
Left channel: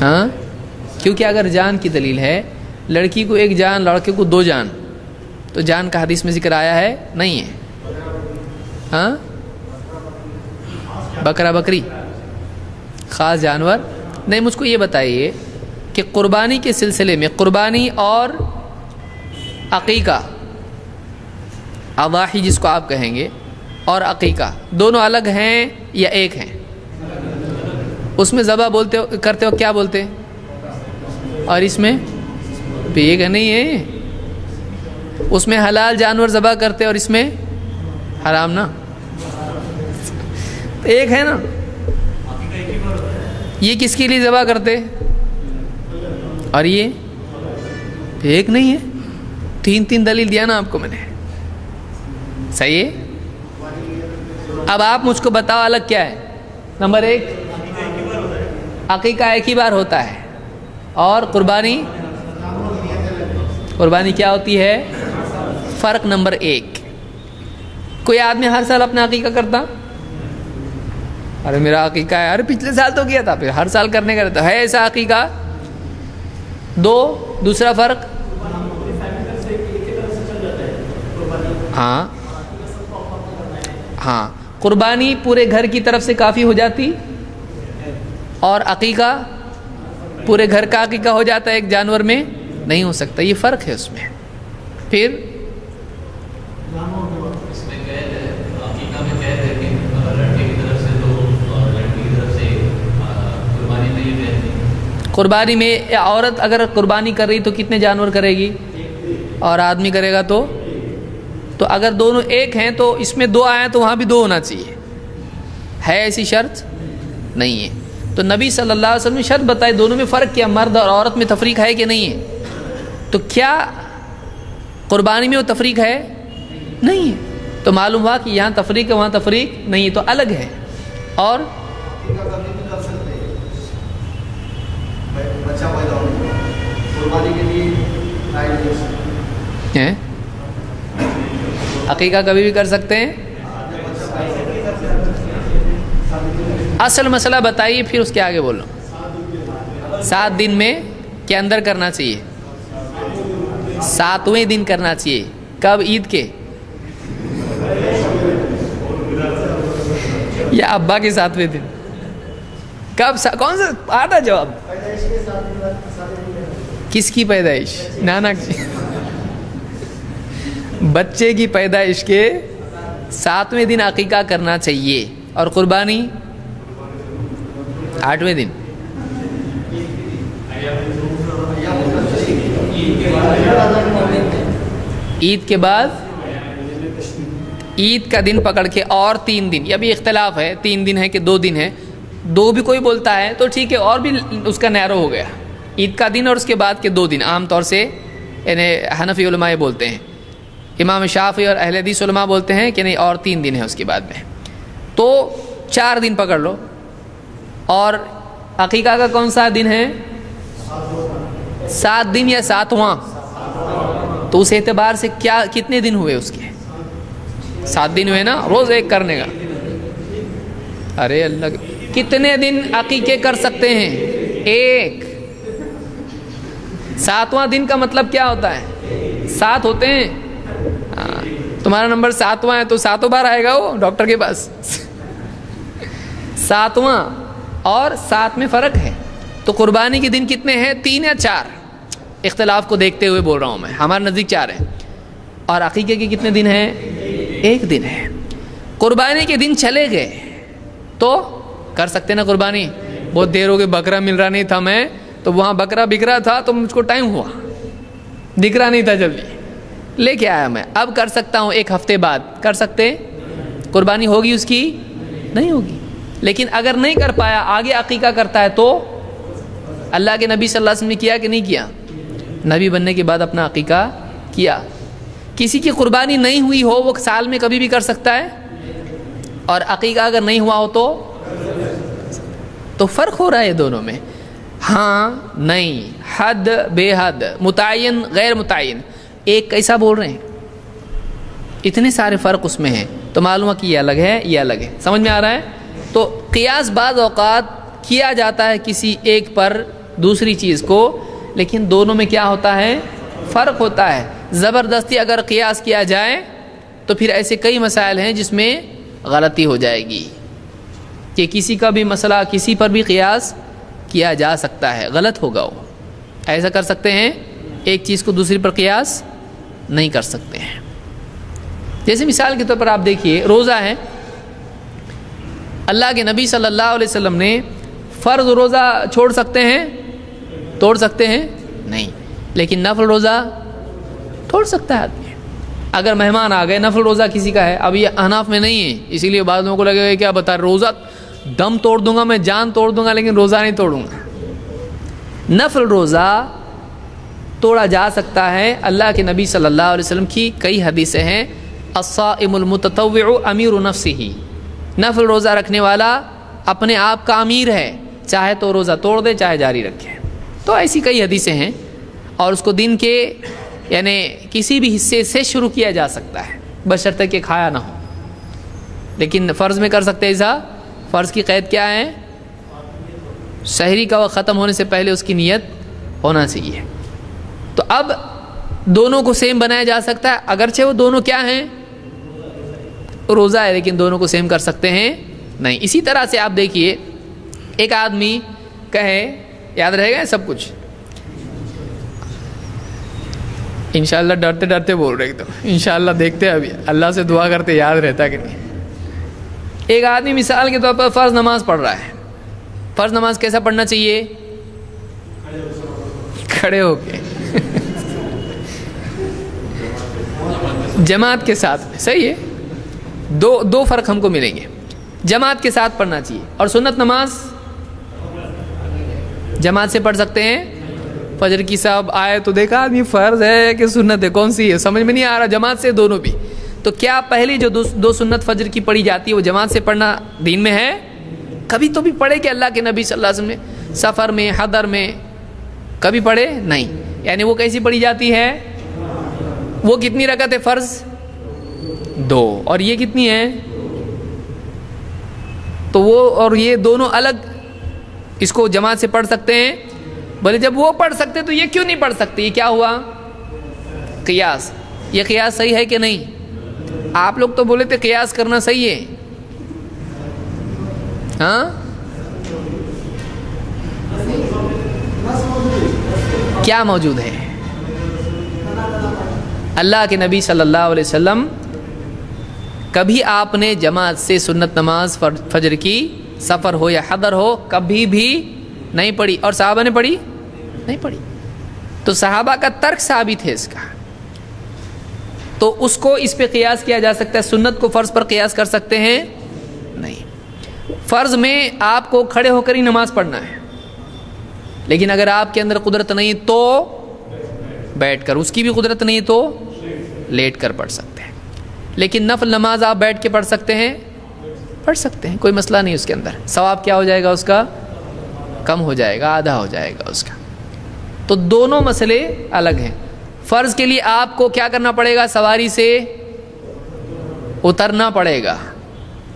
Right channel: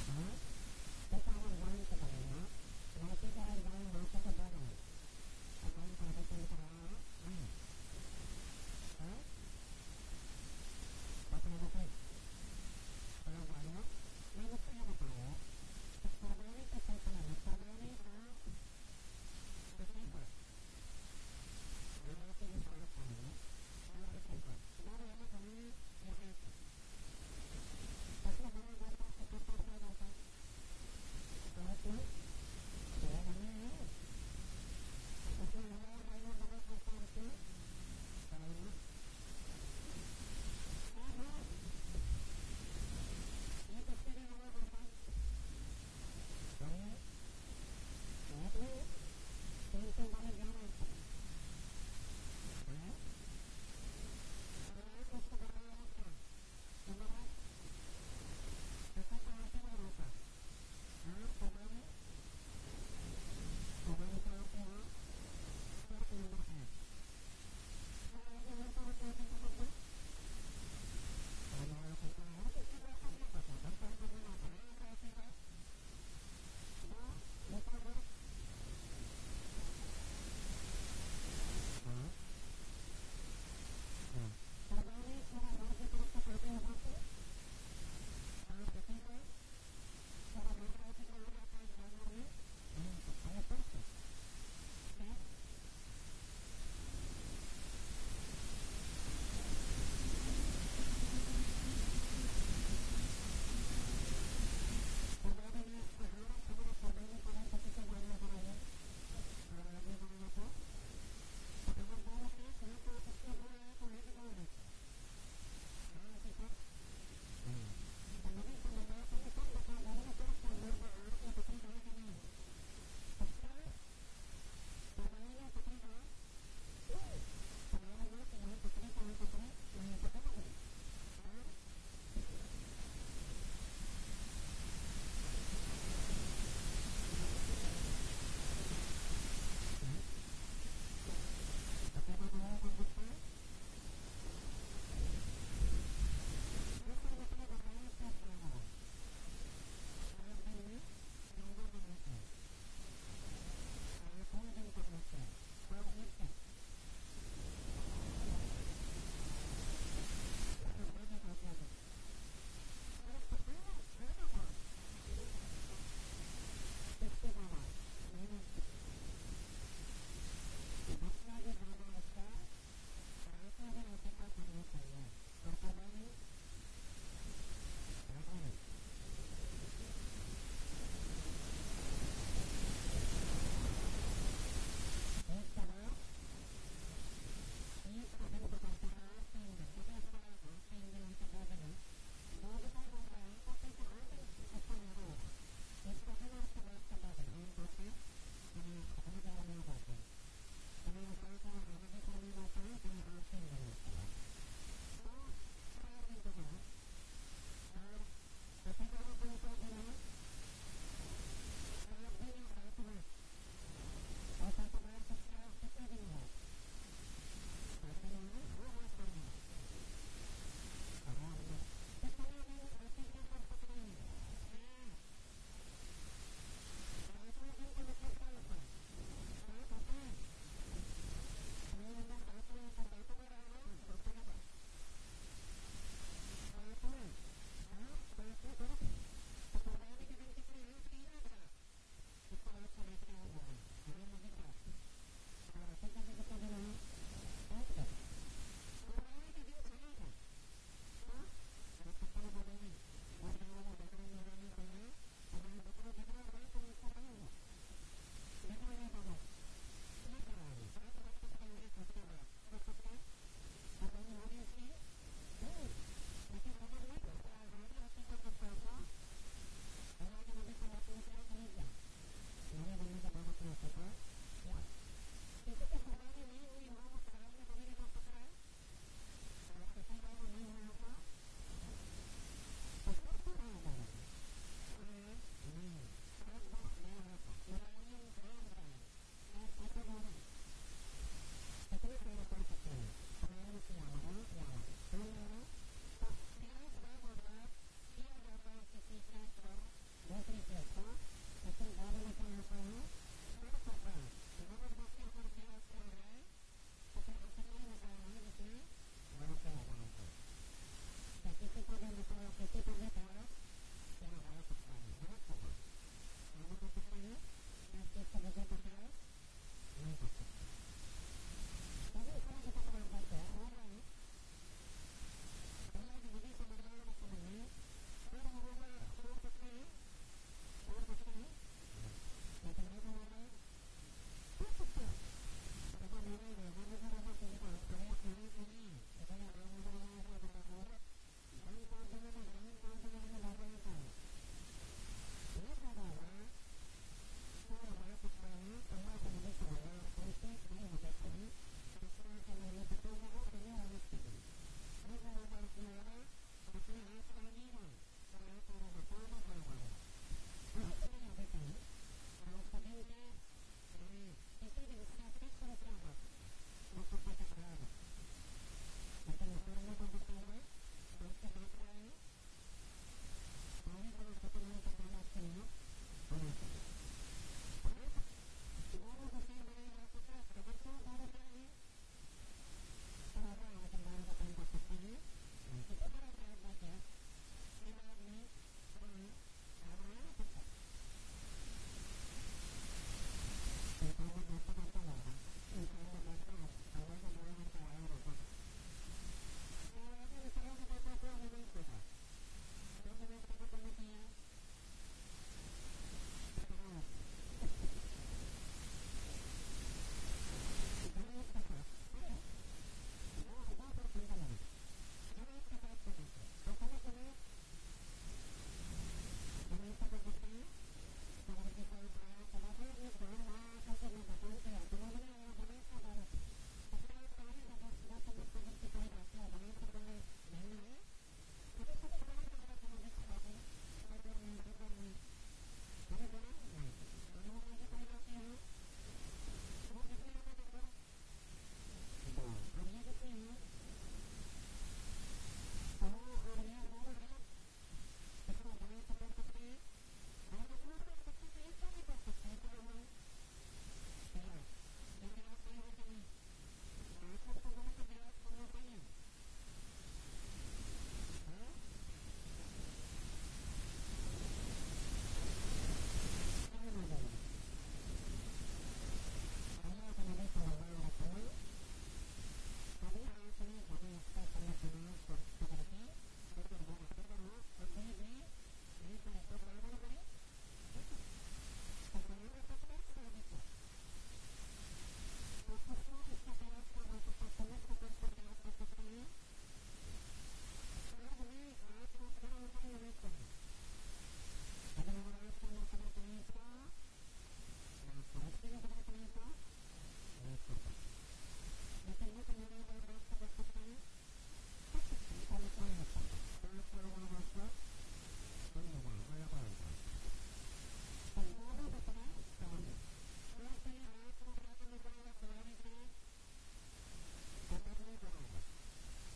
ہاں، کیونکہ اگر جان کی دلیل ہے، لڑکی کو 1 جان، لڑکے کو 2 جان، تو جان کا حدیث میں ذکر آیا ہے نہیں ہے۔ ہاں، بکرا بکری خاص جانور نہیں۔ مجھ کو یہ بتائیے کہ قربانی کے سلسلے میں قربانی اور عقیقہ، اضاحی جس کو آپ کہیں گے، اور عقیقہ دونوں الگ ہیں یا ایک ہیں؟ اس میں ذبح بولتے ہو کرتے ہو کیا بولتے، اور اس میں بھی ایک نہیں ہے؟ اس میں حلال جانور ذبح کرتے اور اس میں حرام نا، ایک ہے نا؟ یہ کس کے لیے ذبح کرتے اور یہ ایک نہیں ہے؟ تین تین دلیل دیا نا آپ کو میں نے، صحیح ہے؟ اب آپ مجھ کو بتاؤ الگ کیا ہے؟ نمبر ایک، عقیقہ ایک ہی بار ہوتا ہے، اور قربانی کیا ہوتی ہے؟ فرق نمبر ایک، کوئی آدمی ہر سال اپنا عقیقہ کرتا؟ ارے میرا عقیقہ ہے، ارے پچھلے سال تو کیا تھا، پھر ہر سال کرنے کا رہتا ہے ایسا عقیقہ؟ دو، دوسرا فرق، ہاں قربانی پورے گھر کی طرف سے کافی ہو جاتی، اور عقیقہ پورے گھر کا عقیقہ ہو جاتا ہے، ایک جانور میں نہیں ہو سکتا، یہ فرق ہے اس میں۔ پھر قربانی میں عورت اگر قربانی کر رہی تو کتنے جانور کرے گی، اور آدمی کرے گا تو اگر دونوں ایک ہیں تو اس میں دو آئیں تو وہاں بھی دو ہونا چاہیے، ہے ایسی شرط نہیں ہے؟ تو نبی صلی اللہ علیہ وسلم نے شرط بتائی، دونوں میں فرق کیا، مرد اور عورت میں تفریق ہے کہ نہیں ہے؟ تو کیا قربانی میں وہ تفریق ہے؟ نہیں ہے، تو معلوم ہوا کہ یہاں تفریق ہے وہاں تفریق نہیں ہے، تو الگ ہے۔ اور عقیقہ کبھی بھی کر سکتے ہیں؟ اصل مسئلہ بتائیے پھر اس کے آگے بولو۔ 7 دن میں کے اندر کرنا چاہیے، 7ویں دن کرنا چاہیے، کب؟ عید کے یا ابا کے 7ویں دن؟ کب؟ کون سا آتا جواب؟ کس کی پیدائش؟ نانا کی؟ بچے کی پیدائش کے 7ویں دن عقیقہ کرنا چاہیے، اور قربانی 8ویں دن۔ عید کے بعد، عید کا دن پکڑ کے اور 3 دن، یہ بھی اختلاف ہے 3 دن ہے کہ 2 دن ہے، 2 بھی کوئی بولتا ہے تو ٹھیک ہے، اور بھی اس کا نیرو ہو گیا، عید کا دن اور اس کے بعد کے 2 دن عام طور سے یعنی حنفی علماء یہ بولتے ہیں، امام شافعی اور اہل حدیث علماء بولتے ہیں کہ نہیں اور 3 دن ہے اس کے بعد میں، تو 4 دن پکڑ لو۔ اور عقیقہ کا کون سا دن ہے؟ 7 دن یا 7واں؟ تو اس اعتبار سے کیا کتنے دن ہوئے اس کے؟ 7 دن ہوئے نا، روز ایک کرنے کا۔ ارے اللہ، کتنے دن عقیقے کر سکتے ہیں؟ ایک۔ 7واں دن کا مطلب کیا ہوتا ہے؟ 7 ہوتے ہیں، تمہارا نمبر 7واں ہے تو 7 بار آئے گا وہ ڈاکٹر کے پاس۔ 7واں اور 7 میں فرق ہے، تو قربانی کے دن کتنے ہیں؟ 3 یا 4؟ اختلاف کو دیکھتے ہوئے بول رہا ہوں میں، ہمارے نزدیک 4 ہیں، اور عقیقے کے کتنے دن ہیں؟ 1 دن ہے۔ قربانی کے دن چلے گئے تو کر سکتے نا قربانی؟ بہت دیر ہو گئی، بکرا مل رہا نہیں تھا، میں تو وہاں بکرا بک رہا تھا تو مجھ کو ٹائم ہوا، دکھ رہا نہیں تھا، جلدی لے کے آیا میں، اب کر سکتا ہوں 1 ہفتے بعد، کر سکتے؟ قربانی ہوگی اس کی؟ نہیں ہوگی۔ لیکن اگر نہیں کر پایا، آگے عقیقہ کرتا ہے تو اللہ کے نبی صلی اللہ علیہ وسلم نے کیا کہ نہیں کیا؟ نبی بننے کے بعد اپنا عقیقہ کیا۔ کسی کی قربانی نہیں ہوئی ہو وہ سال میں کبھی بھی کر سکتا ہے، اور عقیقہ اگر نہیں ہوا ہو تو فرق ہو رہا ہے دونوں میں، ہاں نہیں، حد بے حد، متعین غیر متعین، ایک کیسا بول رہے ہیں، اتنے سارے فرق اس میں ہیں، تو معلوم ہے کہ یہ الگ ہے یہ الگ ہے، سمجھ میں آ رہا ہے؟ تو قیاس بعض اوقات کیا جاتا ہے کسی ایک پر دوسری چیز کو، لیکن دونوں میں کیا ہوتا ہے؟ فرق ہوتا ہے۔ زبردستی اگر قیاس کیا جائے تو پھر ایسے کئی مسائل ہیں جس میں غلطی ہو جائے گی، کہ کسی کا بھی مسئلہ کسی پر بھی قیاس کیا جا سکتا ہے، غلط ہوگا وہ۔ ایسا کر سکتے ہیں، ایک چیز کو دوسری پر قیاس نہیں کر سکتے ہیں۔ جیسے مثال کے طور پر آپ دیکھیے روزہ ہے، اللہ کے نبی صلی اللہ علیہ وسلم نے فرض روزہ چھوڑ سکتے ہیں، توڑ سکتے ہیں نہیں، لیکن نفل روزہ توڑ سکتا ہے آدمی۔ اگر مہمان آ گئے، نفل روزہ کسی کا ہے، اب یہ احناف میں نہیں ہے، اسی لیے بعض لوگوں کو لگے گا کیا بتا رہے، روزہ دم توڑ دوں گا میں، جان توڑ دوں گا، لیکن روزہ نہیں توڑوں گا۔ نفل روزہ توڑا جا سکتا ہے۔ اللہ کے نبی صلی اللہ علیہ وسلم کی کئی حدیثیں ہیں، الصائم المتطوع امیر نفسہ، نفل روزہ رکھنے والا اپنے آپ کا امیر ہے، چاہے تو روزہ توڑ دے چاہے جاری رکھے۔ تو ایسی کئی حدیثیں ہیں، اور اس کو دن کے یعنی کسی بھی حصے سے شروع کیا جا سکتا ہے، بشرطے کہ کھایا نہ ہو۔ لیکن فرض میں کر سکتے ایسا، فرض کی قید کیا ہے؟ سحری کا وقت ختم ہونے سے پہلے اس کی نیت ہونا چاہیے۔ تو اب دونوں کو سیم بنایا جا سکتا ہے، اگرچہ وہ دونوں کیا ہیں؟ روزہ ہے، لیکن دونوں کو سیم کر سکتے ہیں نہیں۔ اسی طرح سے آپ دیکھیے، ایک آدمی کہے، یاد رہے گا سب کچھ انشاءاللہ، ڈرتے ڈرتے بول رہے تو انشاءاللہ دیکھتے ابھی اللہ سے دعا کرتے یاد رہتا کہ نہیں۔ ایک آدمی مثال کے طور پر فرض نماز پڑھ رہا ہے، فرض نماز کیسا پڑھنا چاہیے؟ کھڑے ہو کے جماعت کے ساتھ، صحیح ہے، دو فرق ہم کو ملیں گے۔ جماعت کے ساتھ پڑھنا چاہیے، اور سنت نماز جماعت سے پڑھ سکتے ہیں۔ فجر کی صاحب آئے تو دیکھا آدمی فرض ہے کہ سنت ہے، کون سی ہے سمجھ میں نہیں آ رہا، جماعت سے دونوں بھی۔ تو کیا پہلی جو دو سنت فجر کی پڑھی جاتی ہے وہ جماعت سے پڑھنا دین میں ہے؟ کبھی تو بھی پڑھے کہ اللہ کے نبی صلی اللہ علیہ وسلم نے سفر میں، حضر میں کبھی پڑھے نہیں؟ یعنی وہ کیسی پڑھی جاتی ہے؟ وہ کتنی رکعت ہے فرض؟ 2، اور یہ کتنی ہے؟ تو وہ اور یہ دونوں الگ، اس کو جماعت سے پڑھ سکتے ہیں۔ بولے جب وہ پڑھ سکتے تو یہ کیوں نہیں پڑھ سکتے؟ یہ کیا ہوا؟ قیاس۔ یہ قیاس صحیح ہے کہ نہیں؟ آپ لوگ تو بولے تھے قیاس کرنا صحیح ہے، ہاں؟ کیا موجود ہے؟ اللہ کے نبی صلی اللہ علیہ وسلم کبھی آپ نے جماعت سے سنت نماز فجر کی، سفر ہو یا حضر ہو، کبھی بھی نہیں پڑھی، اور صحابہ نے پڑھی نہیں پڑھی۔ تو صحابہ کا ترک ثابت ہے اس کا، تو اس کو اس پہ قیاس کیا جا سکتا ہے۔ سنت کو فرض پر قیاس کر سکتے ہیں نہیں۔ فرض میں آپ کو کھڑے ہو کر ہی نماز پڑھنا ہے، لیکن اگر آپ کے اندر قدرت نہیں تو بیٹھ کر، اس کی بھی قدرت نہیں تو لیٹ کر پڑھ سکتے ہیں۔ لیکن نفل نماز آپ بیٹھ کے پڑھ سکتے ہیں، پڑھ سکتے ہیں، کوئی مسئلہ نہیں۔ اس کے اندر ثواب کیا ہو جائے گا؟ اس کا کم ہو جائے گا، آدھا ہو جائے گا اس کا۔ تو دونوں مسئلے الگ ہیں۔ فرض کے لیے آپ کو کیا کرنا پڑے گا؟ سواری سے اترنا پڑے گا،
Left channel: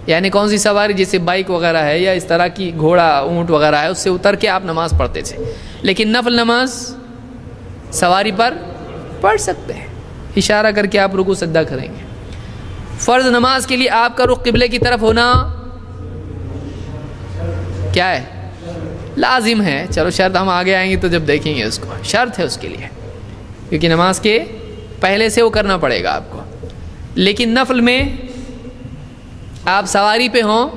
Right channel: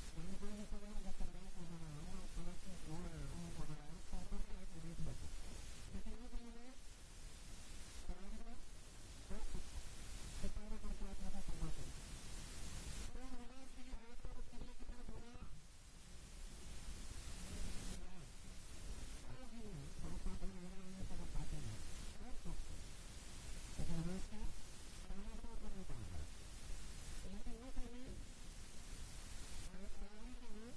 یعنی کون سی سواری؟ جیسے بائک وغیرہ ہے یا اس طرح کی گھوڑا اونٹ وغیرہ ہے، اس سے اتر کے آپ نماز پڑھتے تھے۔ لیکن نفل نماز سواری پر پڑھ سکتے ہیں، اشارہ کر کے آپ رکوع سجدہ کریں گے۔ فرض نماز کے لیے آپ کا رخ قبلے کی طرف ہونا کیا ہے؟ لازم ہے۔ چلو شرط ہم آگے آئیں گے تو جب دیکھیں گے اس کو، شرط ہے اس کے لیے، کیونکہ نماز کے پہلے سے وہ کرنا پڑے گا آپ کو۔ لیکن نفل میں آپ سواری پہ ہوں،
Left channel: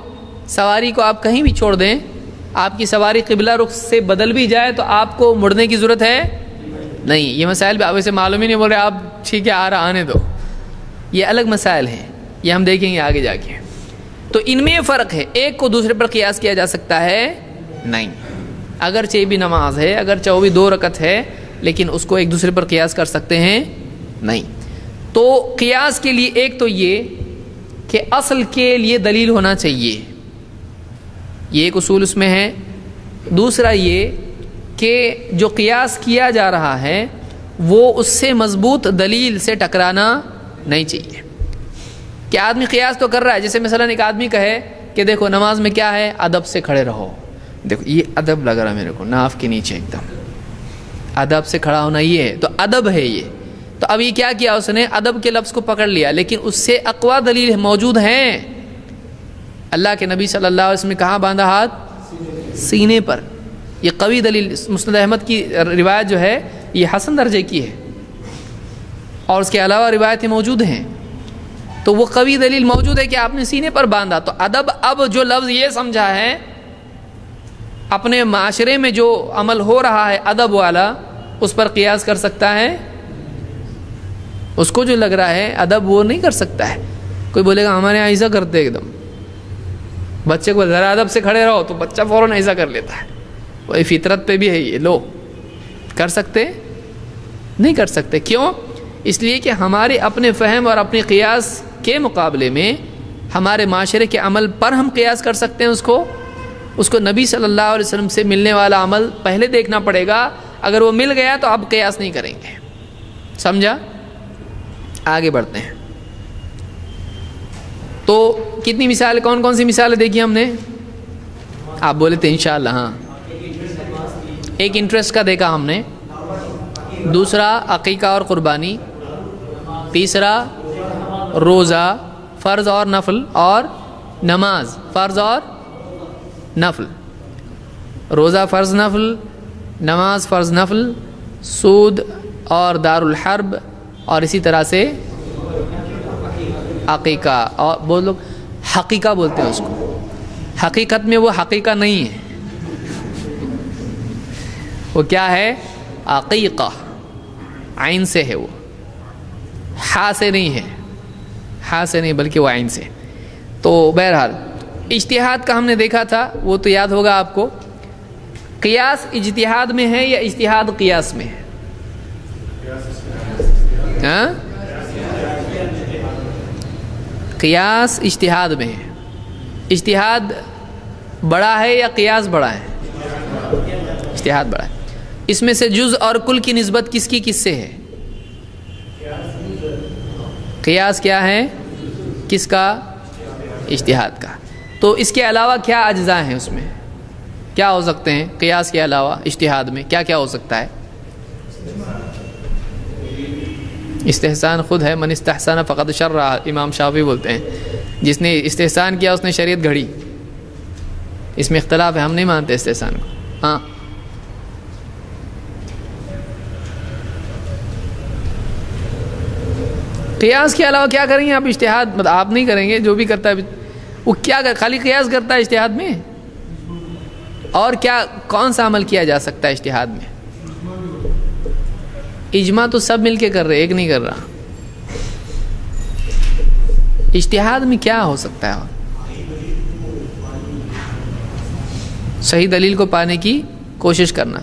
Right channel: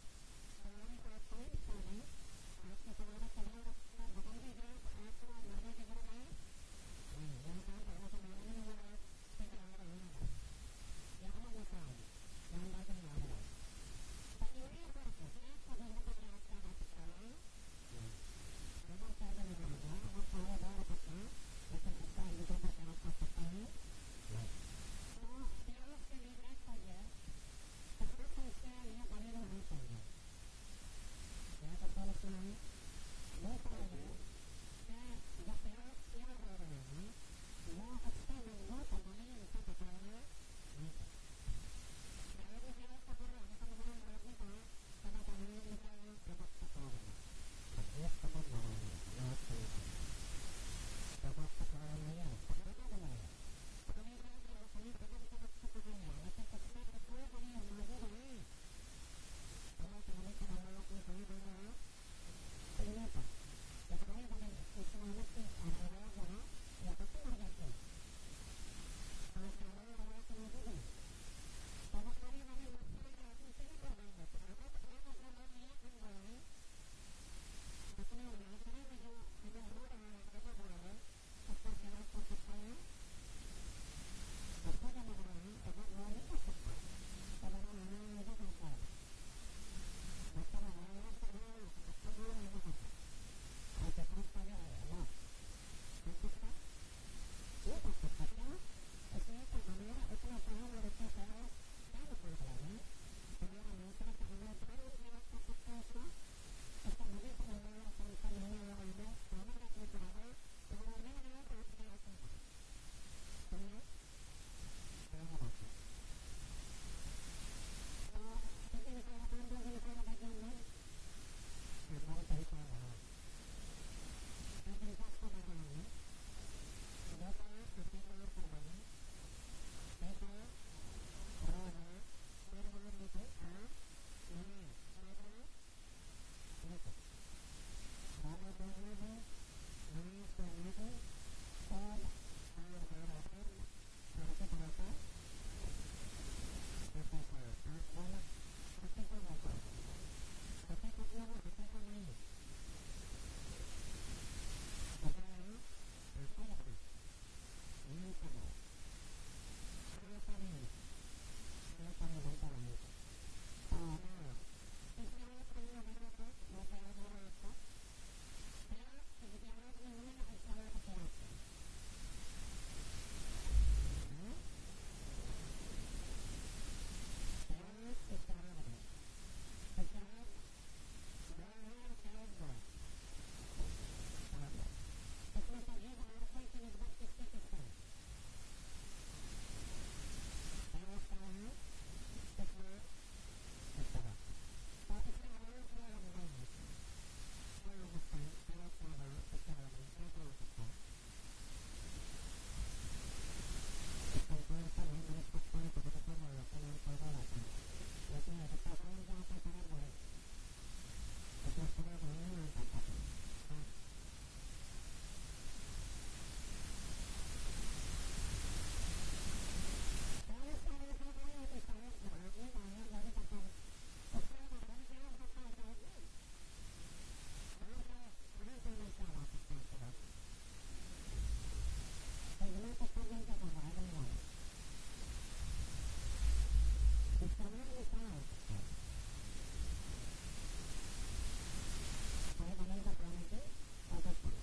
سواری کو آپ کہیں بھی چھوڑ دیں، آپ کی سواری قبلہ رخ سے بدل بھی جائے تو آپ کو مڑنے کی ضرورت ہے نہیں۔ یہ مسائل بھی آپ اسے معلوم ہی نہیں، بول رہے آپ ٹھیک ہے آ رہا آنے دو، یہ الگ مسائل ہیں، یہ ہم دیکھیں گے آگے جا کے۔ تو ان میں یہ فرق ہے، ایک کو دوسرے پر قیاس کیا جا سکتا ہے نہیں، اگرچہ بھی نماز ہے، اگرچہ وہ بھی 2 رکعت ہے، لیکن اس کو ایک دوسرے پر قیاس کر سکتے ہیں نہیں۔ تو قیاس کے لیے ایک تو یہ کہ اصل کے لیے دلیل ہونا چاہیے، یہ ایک اصول اس میں ہے۔ دوسرا یہ کہ جو قیاس کیا جا رہا ہے وہ اس سے مضبوط دلیل سے ٹکرانا نہیں چاہیے۔ کہ آدمی قیاس تو کر رہا ہے، جیسے مثلا ایک آدمی کہے کہ دیکھو نماز میں کیا ہے؟ ادب سے کھڑے رہو۔ دیکھو یہ ادب لگ رہا ہے میرے کو، ناف کے نیچے ایک دم ادب سے کھڑا ہونا، یہ ہے تو ادب ہے یہ۔ تو اب یہ کیا کیا اس نے؟ ادب کے لفظ کو پکڑ لیا، لیکن اس سے اقوی دلیل موجود ہیں۔ اللہ کے نبی صلی اللہ علیہ وسلم نے کہاں باندھا ہاتھ؟ سینے پر۔ یہ قوی دلیل، مسند احمد کی روایت جو ہے یہ حسن درجے کی ہے، اور اس کے علاوہ روایتیں موجود ہیں، تو وہ قوی دلیل موجود ہے کہ آپ نے سینے پر باندھا۔ تو ادب، اب جو لفظ یہ سمجھا ہے، اپنے معاشرے میں جو عمل ہو رہا ہے ادب والا، اس پر قیاس کر سکتا ہے؟ اس کو جو لگ رہا ہے ادب وہ نہیں کر سکتا ہے۔ کوئی بولے گا ہمارے یہاں ایسا کرتے ایک دم، بچے کو ذرا ادب سے کھڑے رہو تو بچہ فوراً ایسا کر لیتا ہے، وہی فطرت پہ بھی ہے یہ، لو کر سکتے؟ نہیں کر سکتے۔ کیوں؟ اس لیے کہ ہمارے اپنے فہم اور اپنے قیاس کے مقابلے میں ہمارے معاشرے کے عمل پر ہم قیاس کر سکتے ہیں۔ اس کو نبی صلی اللہ علیہ وسلم سے ملنے والا عمل پہلے دیکھنا پڑے گا، اگر وہ مل گیا تو اب قیاس نہیں کریں گے۔ سمجھا؟ آگے بڑھتے ہیں۔ تو کتنی مثال، کون کون سی مثالیں دیکھی ہم نے؟ آپ بولے تھے انشاءاللہ۔ ہاں، ایک انٹرسٹ کا دیکھا ہم نے، دوسرا عقیقہ اور قربانی، تیسرا روزہ فرض اور نفل، اور نماز فرض اور نفل، روزہ فرض نفل، نماز فرض نفل، سود اور دار الحرب، اور اسی طرح سے عقیقہ، اور بہت لوگ حقیقہ بولتے ہیں اس کو، حقیقت میں وہ حقیقہ نہیں ہے، وہ کیا ہے؟ عقیقہ، عین سے ہے، وہ ہا سے نہیں ہے، ہا سے نہیں بلکہ وہ عین سے۔ تو بہرحال اجتہاد کا ہم نے دیکھا تھا، وہ تو یاد ہوگا آپ کو۔ قیاس اجتہاد میں ہے یا اجتہاد قیاس میں ہے؟ ہاں؟ قیاس اجتہاد میں ہے۔ اجتہاد بڑا ہے یا قیاس بڑا ہے؟ اجتہاد بڑا ہے۔ اس میں سے جز اور کل کی نسبت کس کی کس سے ہے؟ قیاس کیا ہے؟ کس کا؟ اجتہاد کا۔ تو اس کے علاوہ کیا اجزاء ہیں؟ اس میں کیا ہو سکتے ہیں قیاس کے علاوہ؟ اجتہاد میں کیا کیا ہو سکتا ہے؟ استحسان خود ہے، من استحسن فقد شرع، امام شافعی بولتے ہیں، جس نے استحسان کیا اس نے شریعت گھڑی۔ اس میں اختلاف ہے، ہم نہیں مانتے استحسان کو۔ ہاں، قیاس کے علاوہ کیا کریں گے آپ؟ اجتہاد مطلب آپ نہیں کریں گے، جو بھی کرتا ہے وہ کیا خالی قیاس کرتا ہے اجتہاد میں؟ اور کیا کون سا عمل کیا جا سکتا ہے اجتہاد میں؟ اجماع تو سب مل کے کر رہے، ایک نہیں کر رہا۔ اجتہاد میں کیا ہو سکتا ہے؟ صحیح دلیل کو پانے کی کوشش کرنا،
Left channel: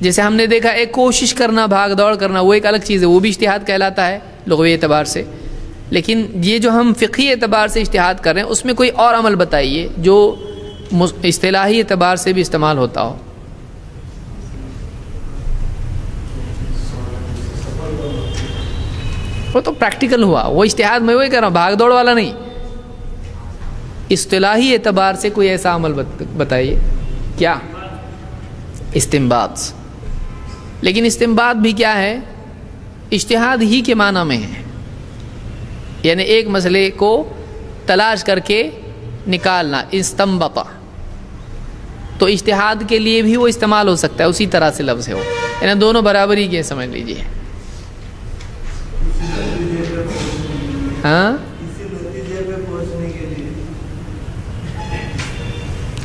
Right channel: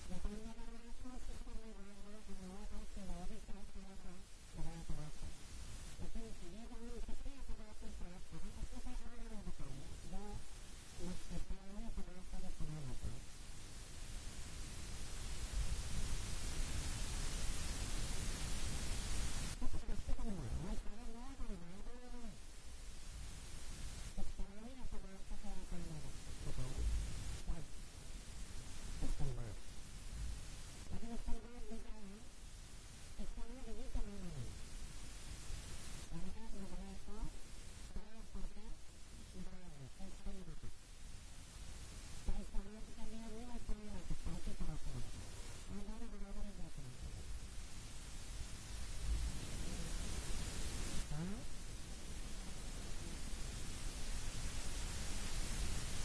جیسے ہم نے دیکھا ایک کوشش کرنا، بھاگ دوڑ کرنا، وہ ایک الگ چیز ہے، وہ بھی اجتہاد کہلاتا ہے لغوی اعتبار سے۔ لیکن یہ جو ہم فقہی اعتبار سے اجتہاد کر رہے ہیں، اس میں کوئی اور عمل بتائیے جو اصطلاحی اعتبار سے بھی استعمال ہوتا ہو۔ وہ تو پریکٹیکل ہوا، وہ اجتہاد میں وہی کر رہا ہوں، بھاگ دوڑ والا نہیں۔ اصطلاحی اعتبار سے کوئی ایسا عمل بتائیے۔ کیا؟ استنباط۔ لیکن استنباط بھی کیا ہے؟ اجتہاد ہی کے معنی میں ہے، یعنی ایک مسئلے کو تلاش کر کے نکالنا، استنبطا۔ تو اجتہاد کے لیے بھی وہ استعمال ہو سکتا ہے، اسی طرح سے لفظ ہے وہ، یعنی دونوں برابری کے سمجھ لیجیے۔ ہاں،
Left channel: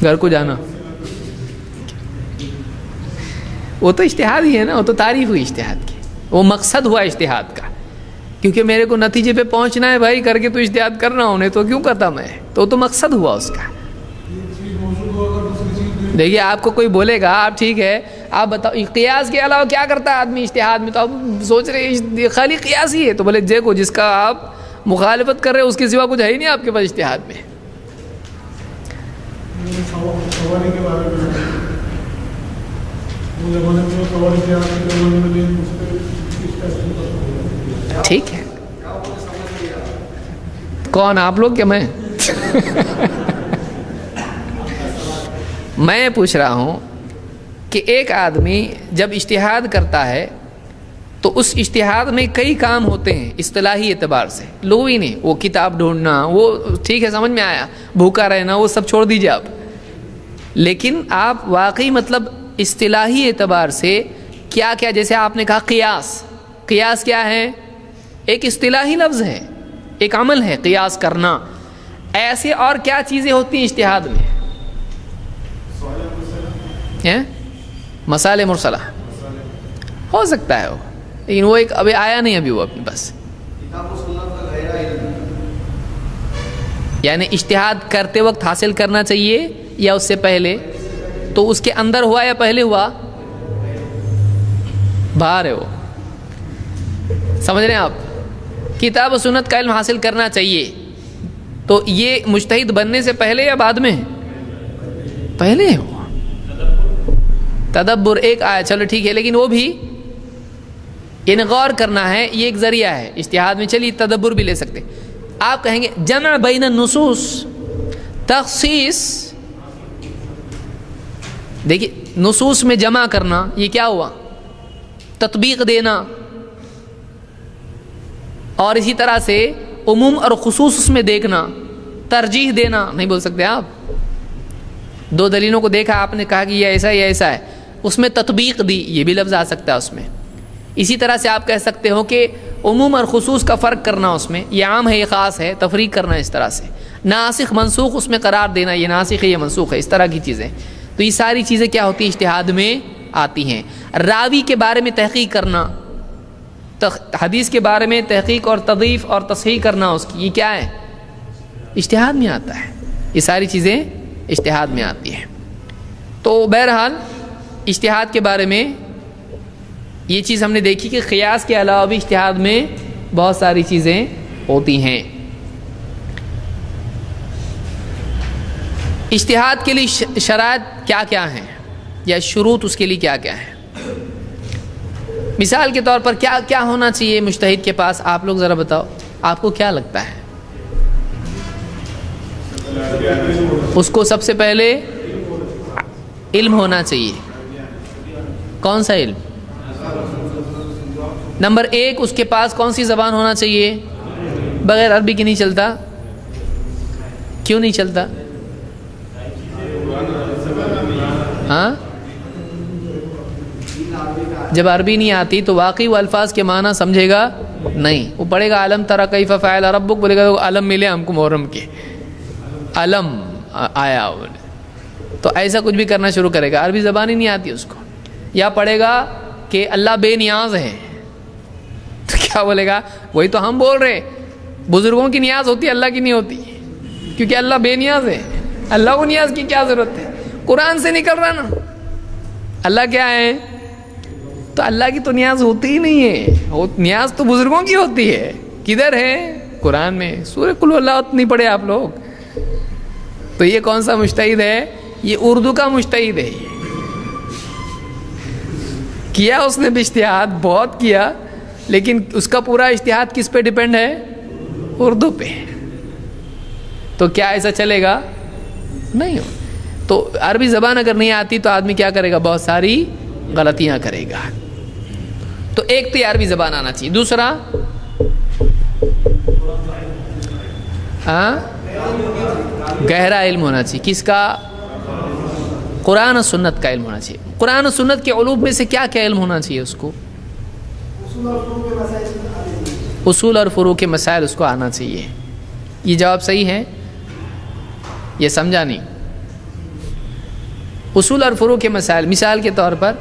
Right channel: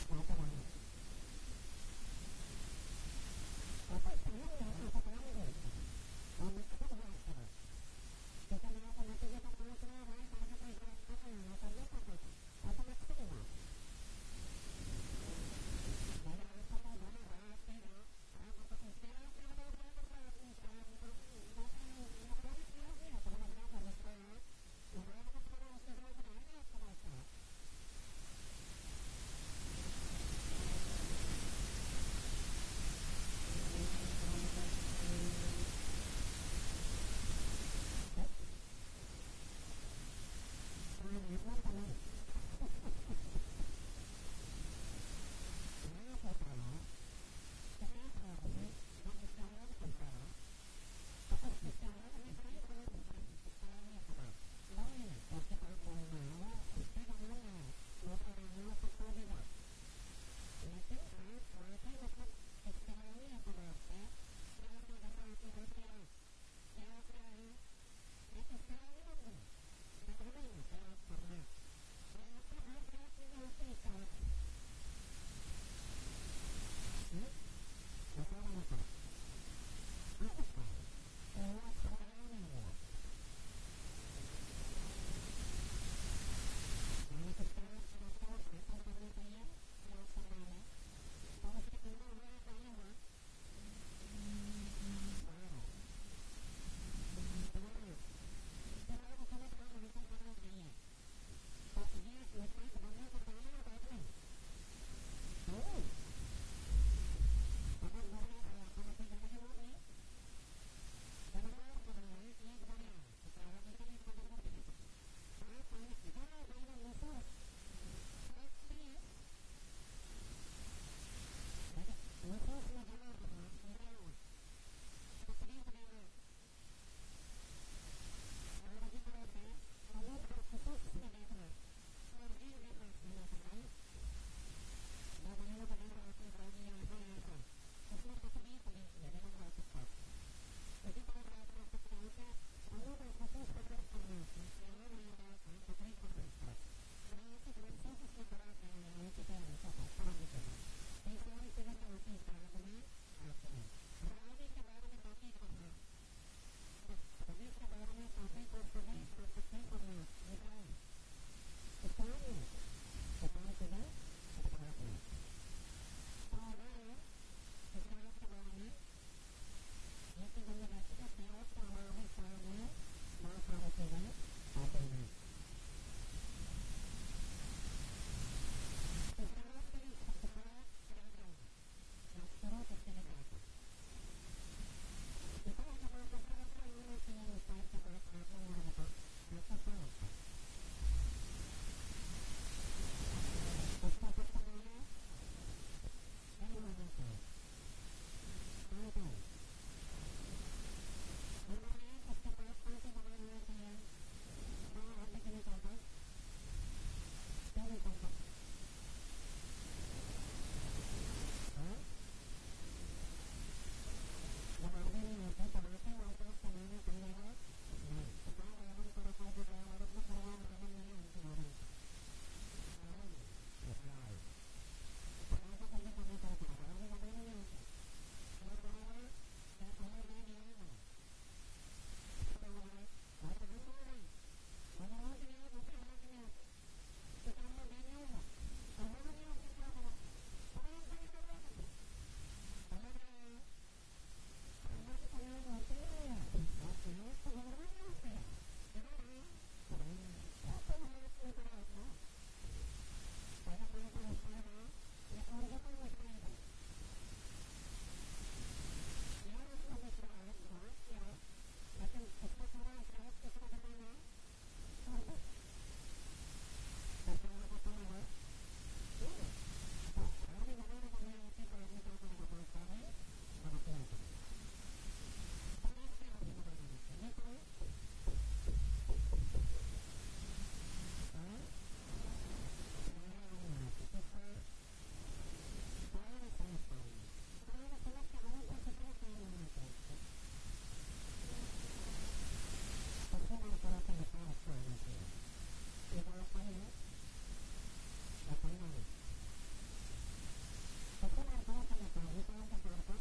گھر کو جانا وہ تو اجتہاد ہی ہے نا، وہ تو تعریف ہوئی اجتہاد کی، وہ مقصد ہوا اجتہاد کا، کیونکہ میرے کو نتیجے پہ پہنچنا ہے بھائی، کر کے تو اجتہاد کرنا ہونے تو کیوں کرتا میں، تو مقصد ہوا اس کا۔ دیکھیے آپ کو کوئی بولے گا آپ ٹھیک ہے آپ بتاؤ قیاس کے علاوہ کیا کرتا ہے آدمی اجتہاد میں، تو آپ سوچ رہے خالی قیاس ہی ہے، تو بولے دیکھو جس کا آپ مخالفت کر رہے ہیں اس کے سوا کچھ ہے ہی نہیں آپ کے پاس اجتہاد میں۔ ٹھیک ہے، کون آپ لوگ کہ میں میں پوچھ رہا ہوں کہ ایک آدمی جب اجتہاد کرتا ہے تو اس اجتہاد میں کئی کام ہوتے ہیں اصطلاحی اعتبار سے، لغوی نہیں، وہ کتاب ڈھونڈنا، وہ ٹھیک ہے سمجھ میں آیا، بھوکا رہنا وہ سب چھوڑ دیجیے آپ، لیکن آپ واقعی مطلب اصطلاحی اعتبار سے کیا کیا، جیسے آپ نے کہا قیاس، قیاس کیا ہے؟ ایک اصطلاحی لفظ ہے، ایک عمل ہے قیاس کرنا. ایسے اور کیا چیزیں ہوتی ہیں اجتہاد میں؟ مسائل مرسلہ ہو سکتا ہے وہ، لیکن وہ ایک ابھی آیا نہیں ابھی وہ اپنے پاس. یعنی اجتہاد کرتے وقت حاصل کرنا چاہیے یا اس سے پہلے؟ تو اس کے اندر ہوا یا پہلے ہوا؟ باہر ہے وہ. سمجھ رہے ہیں آپ؟ کتاب و سنت کا علم حاصل کرنا چاہیے، تو یہ مجتہد بننے سے پہلے یا بعد میں؟ پہلے ہو. تدبر ایک آیا، چلو ٹھیک ہے، لیکن وہ بھی یعنی غور کرنا ہے، یہ ایک ذریعہ ہے اجتہاد میں. چلیے تدبر بھی لے سکتے. آپ کہیں گے جمع بین النصوص، تخصیص. دیکھیے نصوص میں جمع کرنا یہ کیا ہوا؟ تطبیق دینا. اور اسی طرح سے عموم اور خصوص اس میں دیکھنا، ترجیح دینا. نہیں بول سکتے آپ؟ دو دلیلوں کو دیکھا، آپ نے کہا کہ یہ ایسا ہے یہ ایسا ہے، اس میں تطبیق دی، یہ بھی لفظ آ سکتا ہے اس میں. اسی طرح سے آپ کہہ سکتے ہو کہ عموم اور خصوص کا فرق کرنا، اس میں یہ عام ہے یہ خاص ہے، تفریق کرنا اس طرح سے. ناسخ منسوخ اس میں قرار دینا، یہ ناسخ ہے یہ منسوخ ہے، اس طرح کی چیزیں. تو یہ ساری چیزیں کیا ہوتی ہیں؟ اجتہاد میں آتی ہیں. راوی کے بارے میں تحقیق کرنا، حدیث کے بارے میں تحقیق اور تضعیف اور تصحیح کرنا اس کی، یہ کیا ہے؟ اجتہاد میں آتا ہے. یہ ساری چیزیں اجتہاد میں آتی ہیں. تو بہرحال اجتہاد کے بارے میں یہ چیز ہم نے دیکھی کہ قیاس کے علاوہ بھی اجتہاد میں بہت ساری چیزیں ہوتی ہیں. اجتہاد کے لیے شرائط کیا کیا ہیں یا شروط اس کے لیے کیا کیا ہیں؟ مثال کے طور پر کیا کیا ہونا چاہیے مجتہد کے پاس؟ آپ لوگ ذرا بتاؤ، آپ کو کیا لگتا ہے؟ اس کو سب سے پہلے علم ہونا چاہیے. کون سا علم؟ نمبر ایک، اس کے پاس کون سی زبان ہونا چاہیے؟ بغیر عربی کے نہیں چلتا. کیوں نہیں چلتا؟ ہاں، جب عربی نہیں آتی تو واقعی وہ الفاظ کے معنی سمجھے گا نہیں. وہ پڑھے گا علم تری کیف فعل ربک، بولے گا علم ملے ہم کو محرم کے، علم آیا، تو ایسا کچھ بھی کرنا شروع کرے گا. عربی زبان ہی نہیں آتی اس کو. یا پڑھے گا کہ اللہ بے نیاز ہے، تو کیا بولے گا؟ وہی تو ہم بول رہے، بزرگوں کی نیاز ہوتی ہے، اللہ کی نہیں ہوتی، کیونکہ اللہ بے نیاز ہے. اللہ کو نیاز کی کیا ضرورت ہے؟ قرآن سے نکل رہا نا. اللہ کیا ہے؟ تو اللہ کی تو نیاز ہوتی ہی نہیں ہے، نیاز تو بزرگوں کی ہوتی ہے. کدھر ہے؟ قرآن میں. سورہ قل ہو اللہ نہیں پڑھے آپ لوگ؟ تو یہ کون سا مجتہد ہے؟ یہ اردو کا مجتہد ہے. کیا اس نے بھی اجتہاد بہت کیا، لیکن اس کا پورا اجتہاد کس پہ ڈیپینڈ ہے؟ اردو پہ. تو کیا ایسا چلے گا؟ نہیں. تو عربی زبان اگر نہیں آتی تو آدمی کیا کرے گا؟ بہت ساری غلطیاں کرے گا. تو ایک تو عربی زبان آنا چاہیے. دوسرا گہرا علم ہونا چاہیے. کس کا؟ قرآن و سنت کا علم ہونا چاہیے. قرآن و سنت کے علوم میں سے کیا کیا علم ہونا چاہیے اس کو؟ اصول اور فروع کے مسائل اس کو آنا چاہیے. یہ جواب صحیح ہے؟ یہ سمجھا نہیں؟ اصول اور فروع کے مسائل، مثال کے طور پر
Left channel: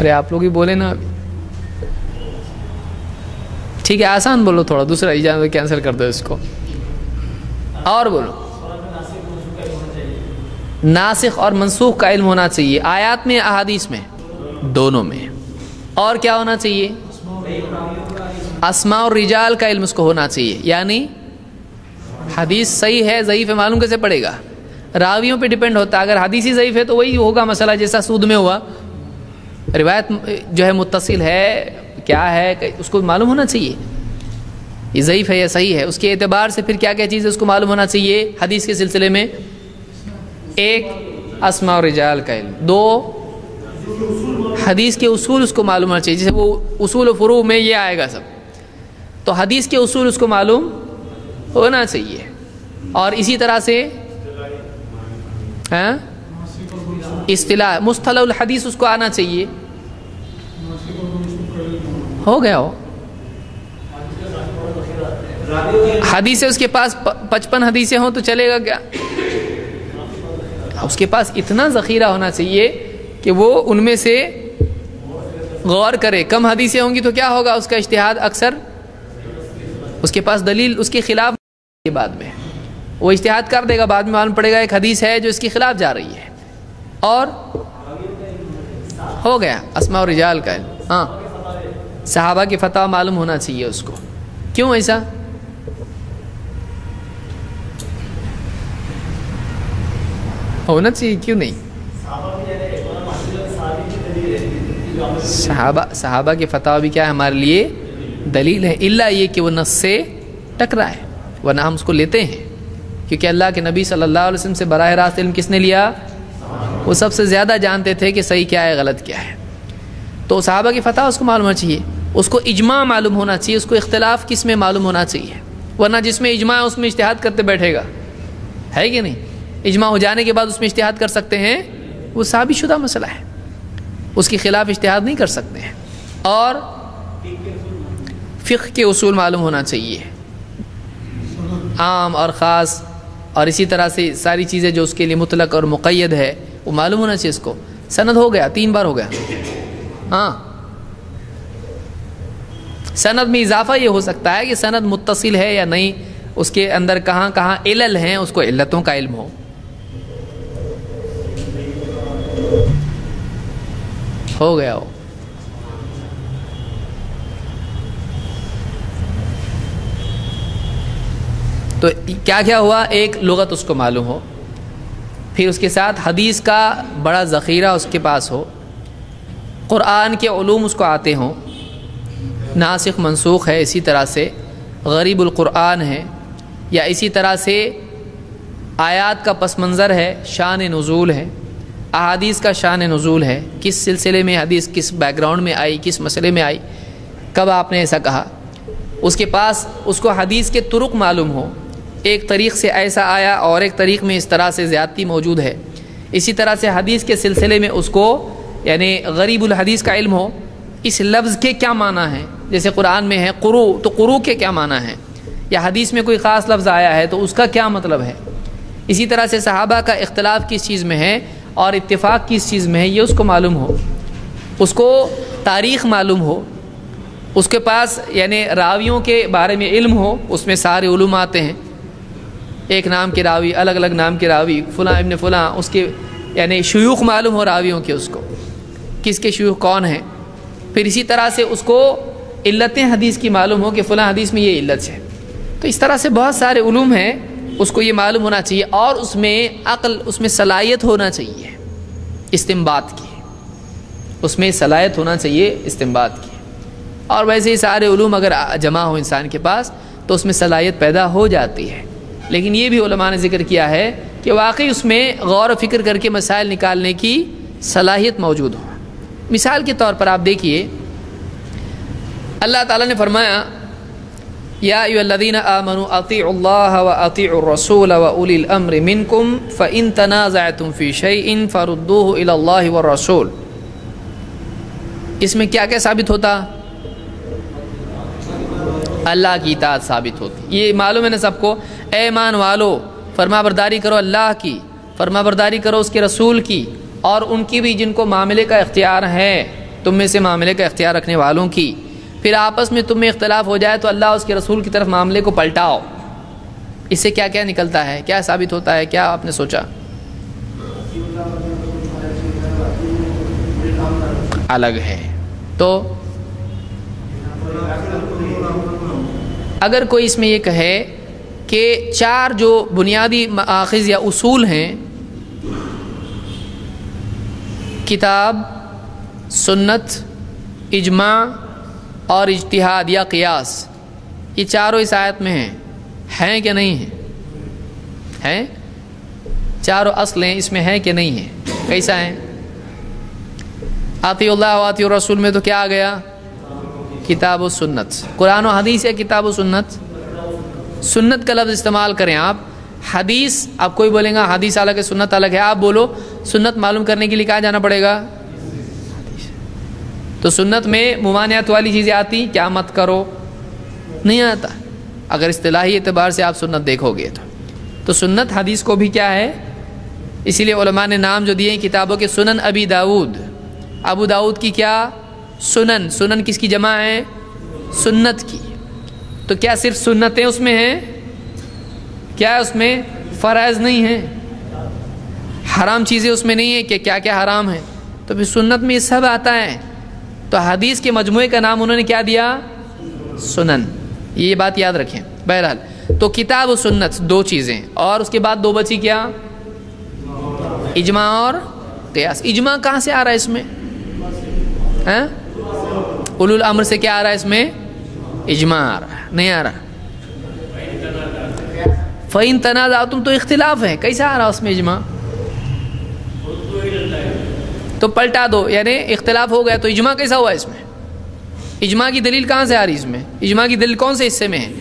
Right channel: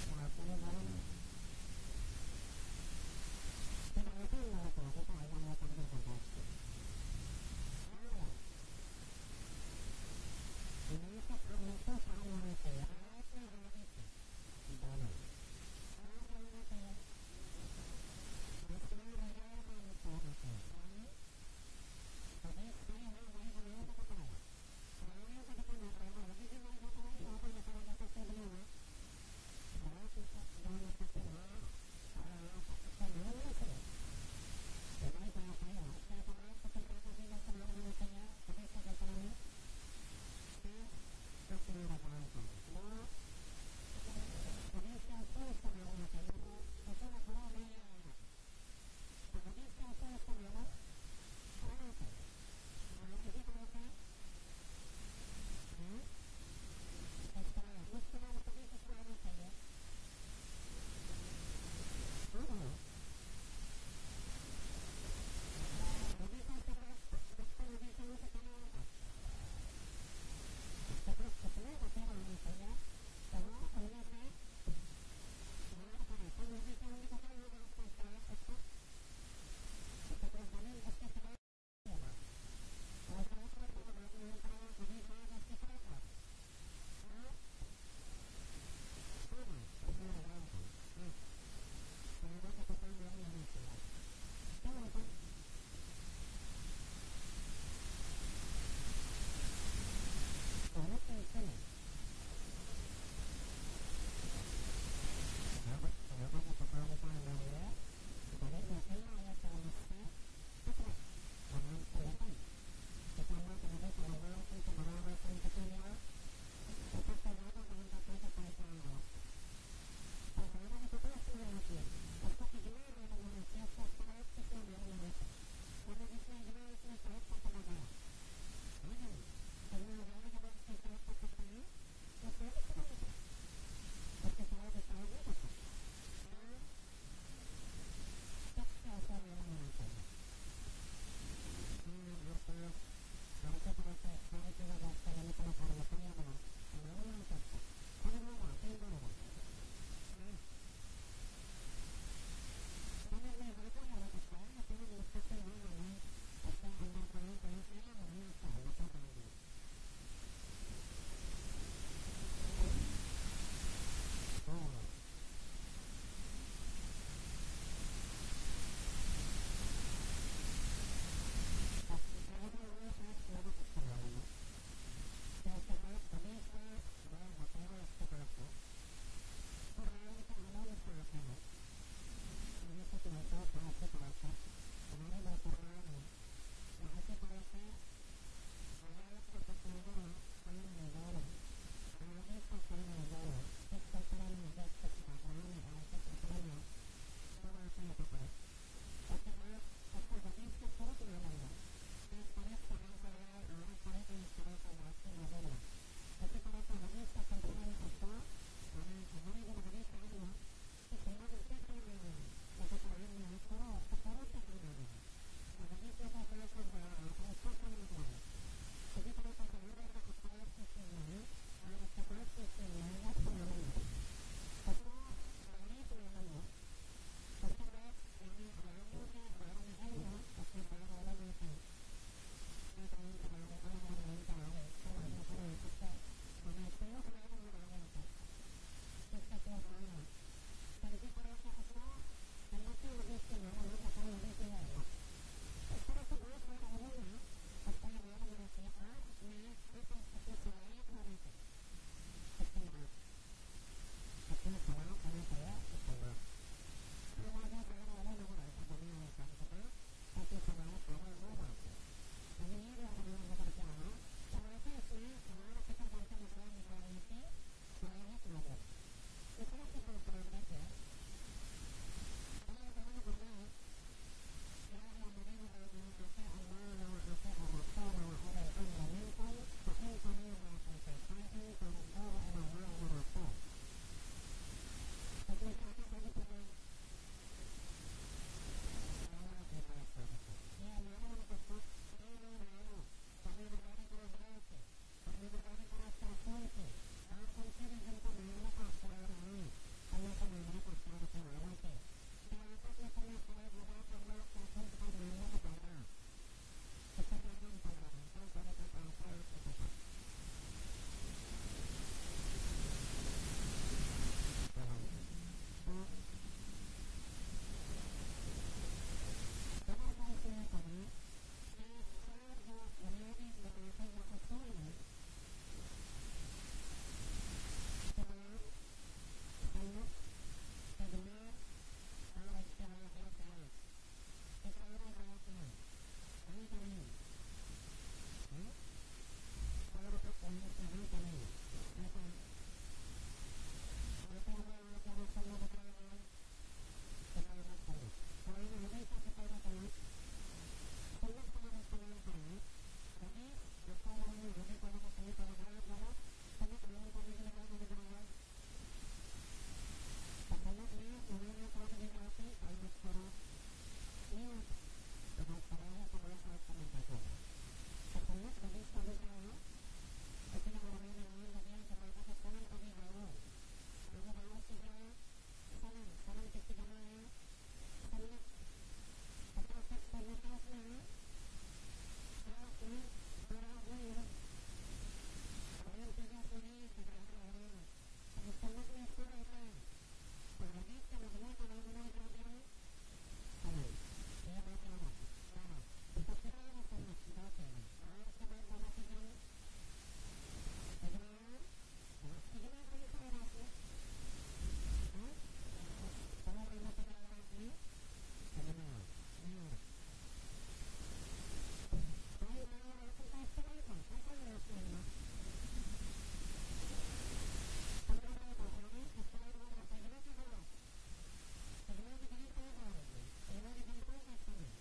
ارے آپ لوگ ہی بولے نا. ٹھیک ہے آسان بولو تھوڑا، دوسرا اجازت کینسل کر دو اس کو، اور بولو. ناسخ اور منسوخ کا علم ہونا چاہیے، آیات میں احادیث میں، دونوں میں. اور کیا ہونا چاہیے؟ اسماء اور رجال کا علم اس کو ہونا چاہیے. یعنی حدیث صحیح ہے ضعیف ہے معلوم کیسے پڑے گا؟ راویوں پہ ڈیپینڈ ہوتا ہے. اگر حدیث ہی ضعیف ہے تو وہی ہوگا مسئلہ جیسا سود میں ہوا. روایت جو ہے متصل ہے کیا ہے اس کو معلوم ہونا چاہیے، یہ ضعیف ہے یا صحیح ہے. اس کے اعتبار سے پھر کیا کیا چیز ہے اس کو معلوم ہونا چاہیے حدیث کے سلسلے میں. ایک اسماء و رجال کا علم. دو حدیث کے اصول اس کو معلوم ہونا چاہیے. جیسے وہ اصول و فروع میں یہ آئے گا سب، تو حدیث کے اصول اس کو معلوم ہونا چاہیے. اور اسی طرح سے اصطلاح مصطلح الحدیث اس کو آنا چاہیے. ہو گیا ہو حدیثیں اس کے پاس 55 حدیثیں ہوں تو چلے گا کیا؟ اس کے پاس اتنا ذخیرہ ہونا چاہیے کہ وہ ان میں سے غور کرے. کم حدیثیں ہوں گی تو کیا ہوگا؟ اس کا اجتہاد اکثر اس کے پاس دلیل اس کے خلاف بعد میں وہ اجتہاد کر دے گا. بعد میں معلوم پڑے گا ایک حدیث ہے جو اس کے خلاف جا رہی ہے. اور ہو گیا اسماء و رجال کا علم. ہاں صحابہ کی فتح معلوم ہونا چاہیے اس کو. کیوں ایسا؟ ہونا چاہیے کیوں نہیں؟ صحابہ کے فتح بھی کیا ہے ہمارے لیے دلیل ہے، الا یہ کہ وہ نص سے ٹکرا ہے، ورنہ ہم اس کو لیتے ہیں. کیونکہ اللہ کے نبی صلی اللہ علیہ وسلم سے براہ راست علم کس نے لیا؟ وہ سب سے زیادہ جانتے تھے کہ صحیح کیا ہے غلط کیا ہے. تو صحابہ کی فتح اس کو معلوم ہونا چاہیے، اس کو اجماع معلوم ہونا چاہیے، اس کو اختلاف کس میں معلوم ہونا چاہیے. ورنہ جس میں اجماع ہے اس میں اجتہاد کرتے بیٹھے گا، ہے کہ نہیں؟ اجماع ہو جانے کے بعد اس میں اجتہاد کر سکتے ہیں، وہ ثابت شدہ مسئلہ ہے، اس کے خلاف اجتہاد نہیں کر سکتے ہیں. اور فقہ کے اصول معلوم ہونا چاہیے، عام اور خاص، اور اسی طرح سے ساری چیزیں جو اس کے لیے مطلق اور مقید ہے وہ معلوم ہونا چاہیے. اس کو سند ہو گیا 3 بار ہو گیا. ہاں سند میں اضافہ یہ ہو سکتا ہے کہ سند متصل ہے یا نہیں، اس کے اندر کہاں کہاں علل ہیں، اس کو علتوں کا علم ہو. گیا ہو. تو کیا کیا ہوا؟ ایک لغت اس کو معلوم ہو، پھر اس کے ساتھ حدیث کا بڑا ذخیرہ اس کے پاس ہو، قرآن کے علوم اس کو آتے ہوں، ناسخ منسوخ ہے، اسی طرح سے غریب القرآن ہے، یا اسی طرح سے آیات کا پس منظر ہے، شان نزول ہے، احادیث کا شان نزول ہے، کس سلسلے میں حدیث کس بیک گراؤنڈ میں آئی، کس مسئلے میں آئی، کب آپ نے ایسا کہا. اس کے پاس اس کو حدیث کے طرق معلوم ہو، ایک طریق سے ایسا آیا اور ایک طریق میں اس طرح سے زیادتی موجود ہے. اسی طرح سے حدیث کے سلسلے میں اس کو یعنی غریب الحدیث کا علم ہو، اس لفظ کے کیا معنی ہیں. جیسے قرآن میں ہے قرو، تو قرو کے کیا معنی ہیں، یا حدیث میں کوئی خاص لفظ آیا ہے تو اس کا کیا مطلب ہے. اسی طرح سے صحابہ کا اختلاف کس چیز میں ہے اور اتفاق کس چیز میں ہے، یہ اس کو معلوم ہو. اس کو تاریخ معلوم ہو، اس کے پاس یعنی راویوں کے بارے میں علم ہو، اس میں سارے علوم آتے ہیں، ایک نام کے راوی، الگ الگ نام کے راوی، فلاں ابن فلاں، اس کے یعنی شیوخ معلوم ہو راویوں کے، اس کو کس کے شیوخ کون ہیں. پھر اسی طرح سے اس کو علتیں حدیث کی معلوم ہو کہ فلاں حدیث میں یہ علت ہے. تو اس طرح سے بہت سارے علوم ہیں، اس کو یہ معلوم ہونا چاہیے. اور اس میں عقل، اس میں صلاحیت ہونا چاہیے استنباط کی، اس میں صلاحیت ہونا چاہیے استنباط کی. اور ویسے ہی سارے علوم اگر جمع ہو انسان کے پاس تو اس میں صلاحیت پیدا ہو جاتی ہے. لیکن یہ بھی علماء نے ذکر کیا ہے کہ واقعی اس میں غور و فکر کر کے مسائل نکالنے کی صلاحیت موجود ہو. مثال کے طور پر آپ دیکھیے، اللہ تعالیٰ نے فرمایا یا ایھا الذین آمنوا اطیعوا اللہ واطیعوا الرسول واولی الامر منکم فان تنازعتم فی شیء فردوه الی اللہ والرسول. اس میں کیا کیا ثابت ہوتا؟ اللہ کی اطاعت ثابت ہوتی. یہ معلوم ہے نا سب کو، اے ایمان والو فرما برداری کرو اللہ کی، فرما برداری کرو اس کے رسول کی، اور ان کی بھی جن کو معاملے کا اختیار ہے، تم میں سے معاملے کا اختیار رکھنے والوں کی. پھر آپس میں تم میں اختلاف ہو جائے تو اللہ اس کے رسول کی طرف معاملے کو پلٹاؤ. اس سے کیا کیا نکلتا ہے، کیا ثابت ہوتا ہے، کیا آپ نے سوچا؟ الگ ہے. تو اگر کوئی اس میں یہ کہے کہ 4 جو بنیادی مآخذ یا اصول ہیں، کتاب، سنت، اجماع اور اجتہاد یا قیاس، یہ چاروں اس آیت میں ہیں کہ نہیں ہیں؟ ہیں؟ چاروں اصل ہیں، اس میں ہیں کہ نہیں ہیں؟ کیسا ہیں؟ اطیعوا اللہ واطیعوا الرسول میں تو کیا آ گیا؟ کتاب و سنت. قرآن و حدیث ہے کتاب و سنت؟ سنت کا لفظ استعمال کریں آپ، حدیث، اب کوئی بولے گا حدیث الگ ہے سنت الگ ہے، آپ بولو سنت معلوم کرنے کے لیے کہاں جانا پڑے گا؟ تو سنت میں ممانعت والی چیزیں آتی، کیا مت کرو، نہیں آتا اگر اصطلاحی اعتبار سے آپ سنت دیکھو گے تو سنت حدیث کو بھی کیا ہے، اسی لیے علماء نے نام جو دیے ہیں کتابوں کے، سنن ابی داؤد، ابو داؤد کی کیا سنن، سنن کس کی جمع ہے؟ سنت کی۔ تو کیا صرف سنتیں اس میں ہیں؟ کیا ہے اس میں؟ فرائض نہیں ہیں، حرام چیزیں اس میں نہیں ہیں کہ کیا کیا حرام ہے، تو پھر سنت میں یہ سب آتا ہے۔ تو حدیث کے مجموعے کا نام انہوں نے کیا دیا؟ سنن۔ یہ بات یاد رکھیں۔ بہرحال تو کتاب و سنت دو چیزیں، اور اس کے بعد دو بچی کیا؟ اجماع اور قیاس۔ اجماع کہاں سے آ رہا ہے اس میں؟ اولو الامر سے کیا آ رہا ہے اس میں؟ اجماع آ رہا ہے، نہیں آ رہا؟ فَإِن تَنَازَعْتُمْ تو اختلاف ہے، کیسا آ رہا اس میں اجماع؟ تو پلٹا دو، یعنی اختلاف ہو گیا تو اجماع کیسا ہوا اس میں؟ اجماع کی دلیل کہاں سے آ رہی اس میں؟ اجماع کی دلیل کون سے حصے میں ہے؟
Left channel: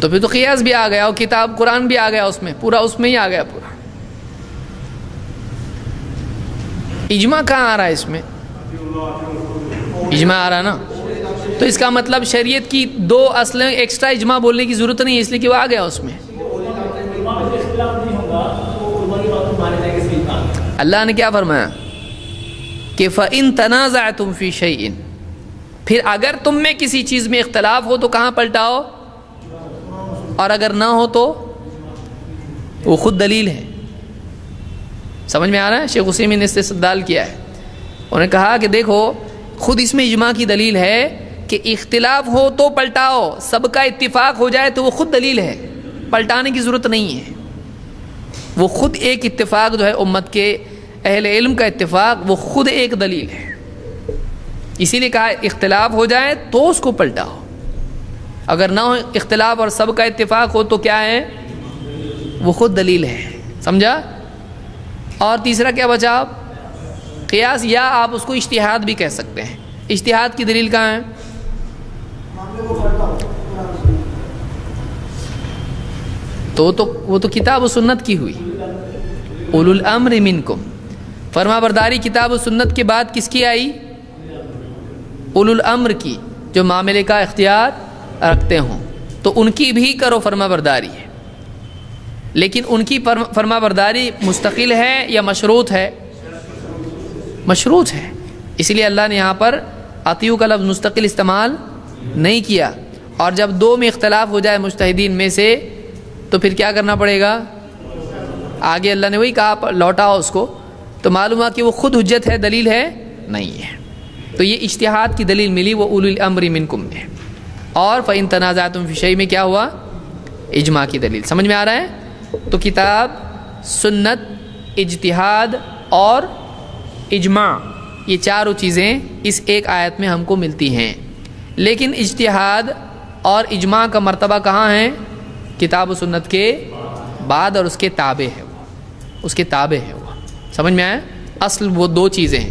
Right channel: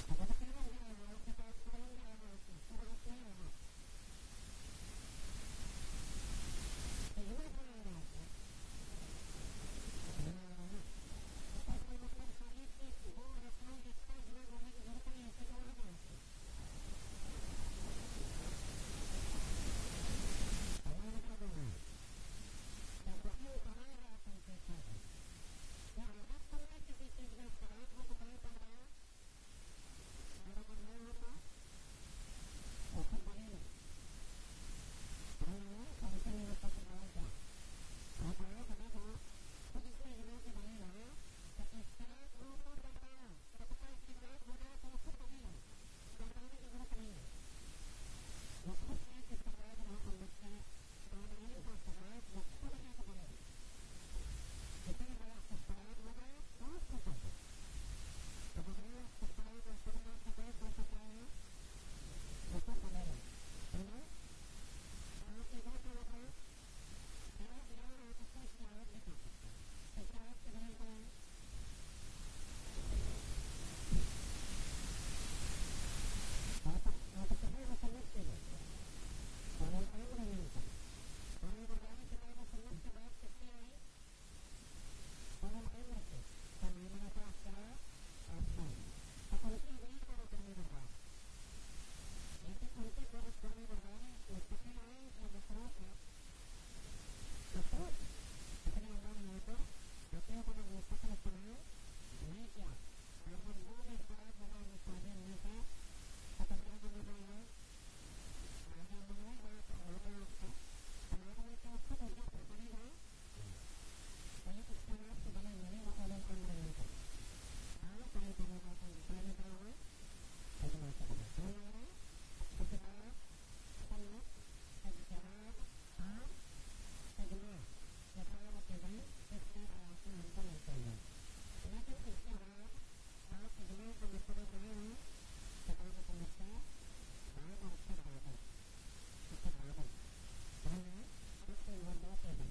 تو پھر تو قیاس بھی آ گیا اور کتاب قرآن بھی آ گیا اس میں، پورا اس میں ہی آ گیا پورا۔ اجماع کہاں آ رہا ہے اس میں؟ اجماع آ رہا نا، تو اس کا مطلب شریعت کی دو اصلیں ایکسٹرا اجماع بولنے کی ضرورت نہیں ہے، اس لیے کہ وہ آ گیا اس میں۔ اللہ نے کیا فرمایا کہ فَإِن تَنَازَعْتُمْ فِي شَيْءٍ، پھر اگر تم میں کسی چیز میں اختلاف ہو تو کہاں پلٹاؤ، اور اگر نہ ہو تو وہ خود دلیل ہے۔ سمجھ میں آ رہا ہے؟ شیخ عثیمین نے استدلال کیا ہے، انہوں نے کہا کہ دیکھو خود اس میں اجماع کی دلیل ہے کہ اختلاف ہو تو پلٹاؤ، سب کا اتفاق ہو جائے تو وہ خود دلیل ہے، پلٹانے کی ضرورت نہیں ہے، وہ خود ایک اتفاق جو ہے امت کے اہل علم کا اتفاق، وہ خود ایک دلیل ہے۔ اسی لیے کہا اختلاف ہو جائے تو اس کو پلٹاؤ، اگر نہ ہو اختلاف اور سب کا اتفاق ہو تو کیا ہے؟ وہ خود دلیل ہے۔ سمجھا؟ اور تیسرا کیا بچا؟ قیاس، یا آپ اس کو اجتہاد بھی کہہ سکتے ہیں۔ اجتہاد کی دلیل کہاں ہے؟ تو وہ تو کتاب و سنت کی ہوئی، اولو الامر منکم، فرما برداری کتاب و سنت کے بعد کس کی آئی؟ اولو الامر کی، جو معاملے کا اختیار رکھتے ہوں، تو ان کی بھی کرو فرما برداری ہے، لیکن ان کی فرما برداری مستقل ہے یا مشروط ہے؟ مشروط ہے، اس لیے اللہ نے یہاں پر اطیعوا کا لفظ مستقل استعمال نہیں کیا۔ اور جب دو میں اختلاف ہو جائے مجتہدین میں سے تو پھر کیا کرنا پڑے گا؟ آگے اللہ نے وہی کہا لوٹاؤ اس کو، تو معلوم ہوا کہ وہ خود حجت ہے، دلیل ہے نہیں ہے۔ تو یہ اجتہاد کی دلیل ملی، وہ اولو الامر منکم میں۔ اور فَإِن تَنَازَعْتُمْ فِي شَيْءٍ میں کیا ہوا؟ اجماع کی دلیل۔ سمجھ میں آ رہا ہے؟ تو کتاب، سنت، اجتہاد اور اجماع، یہ چاروں چیزیں اس ایک آیت میں ہم کو ملتی ہیں، لیکن اجتہاد اور اجماع کا مرتبہ کہاں ہے؟ کتاب و سنت کے بعد، اور اس کے تابع ہے وہ، اس کے تابع ہے وہ۔ سمجھ میں آیا؟ اصل وہ دو چیزیں ہیں۔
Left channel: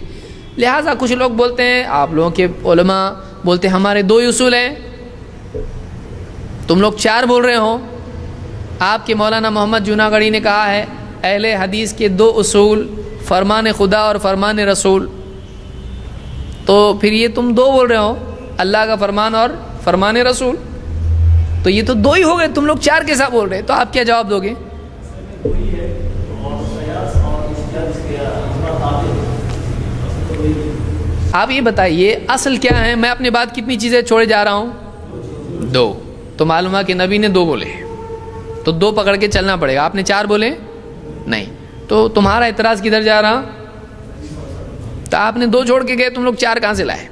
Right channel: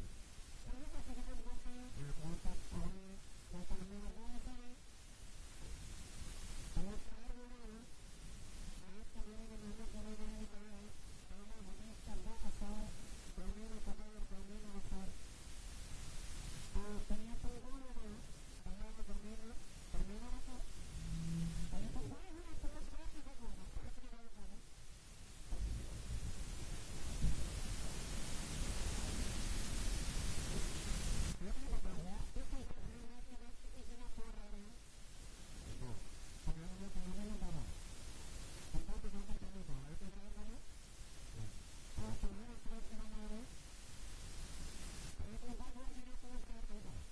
لہٰذا کچھ لوگ بولتے ہیں، آپ لوگوں کے علماء بولتے ہیں ہمارے دو ہی اصول ہیں، تم لوگ چار بول رہے ہو۔ آپ کے مولانا محمد جوناگڑھی نے کہا ہے اہل حدیث کے دو اصول، فرمان خدا اور فرمان رسول، تو پھر یہ تم دو بول رہے ہو، اللہ کا فرمان اور فرمان رسول، تو یہ تو دو ہی ہو گئے، تم لوگ چار کیسا بول رہے؟ تو آپ کیا جواب دو گے؟ آپ یہ بتائیے اصل کیا ہے؟ میں اپنے بعد کتنی چیزیں چھوڑے جا رہا ہوں؟ دو۔ تو معلوم ہے کہ نبی نے دو بولے، تو دو پکڑ کے چلنا پڑے گا۔ آپ نے چار بولے نہیں، تو تمہارا اعتراض کدھر جا رہا؟ تو آپ نے دو چھوڑ کے گئے، تم لوگ چار کہاں سے لائے؟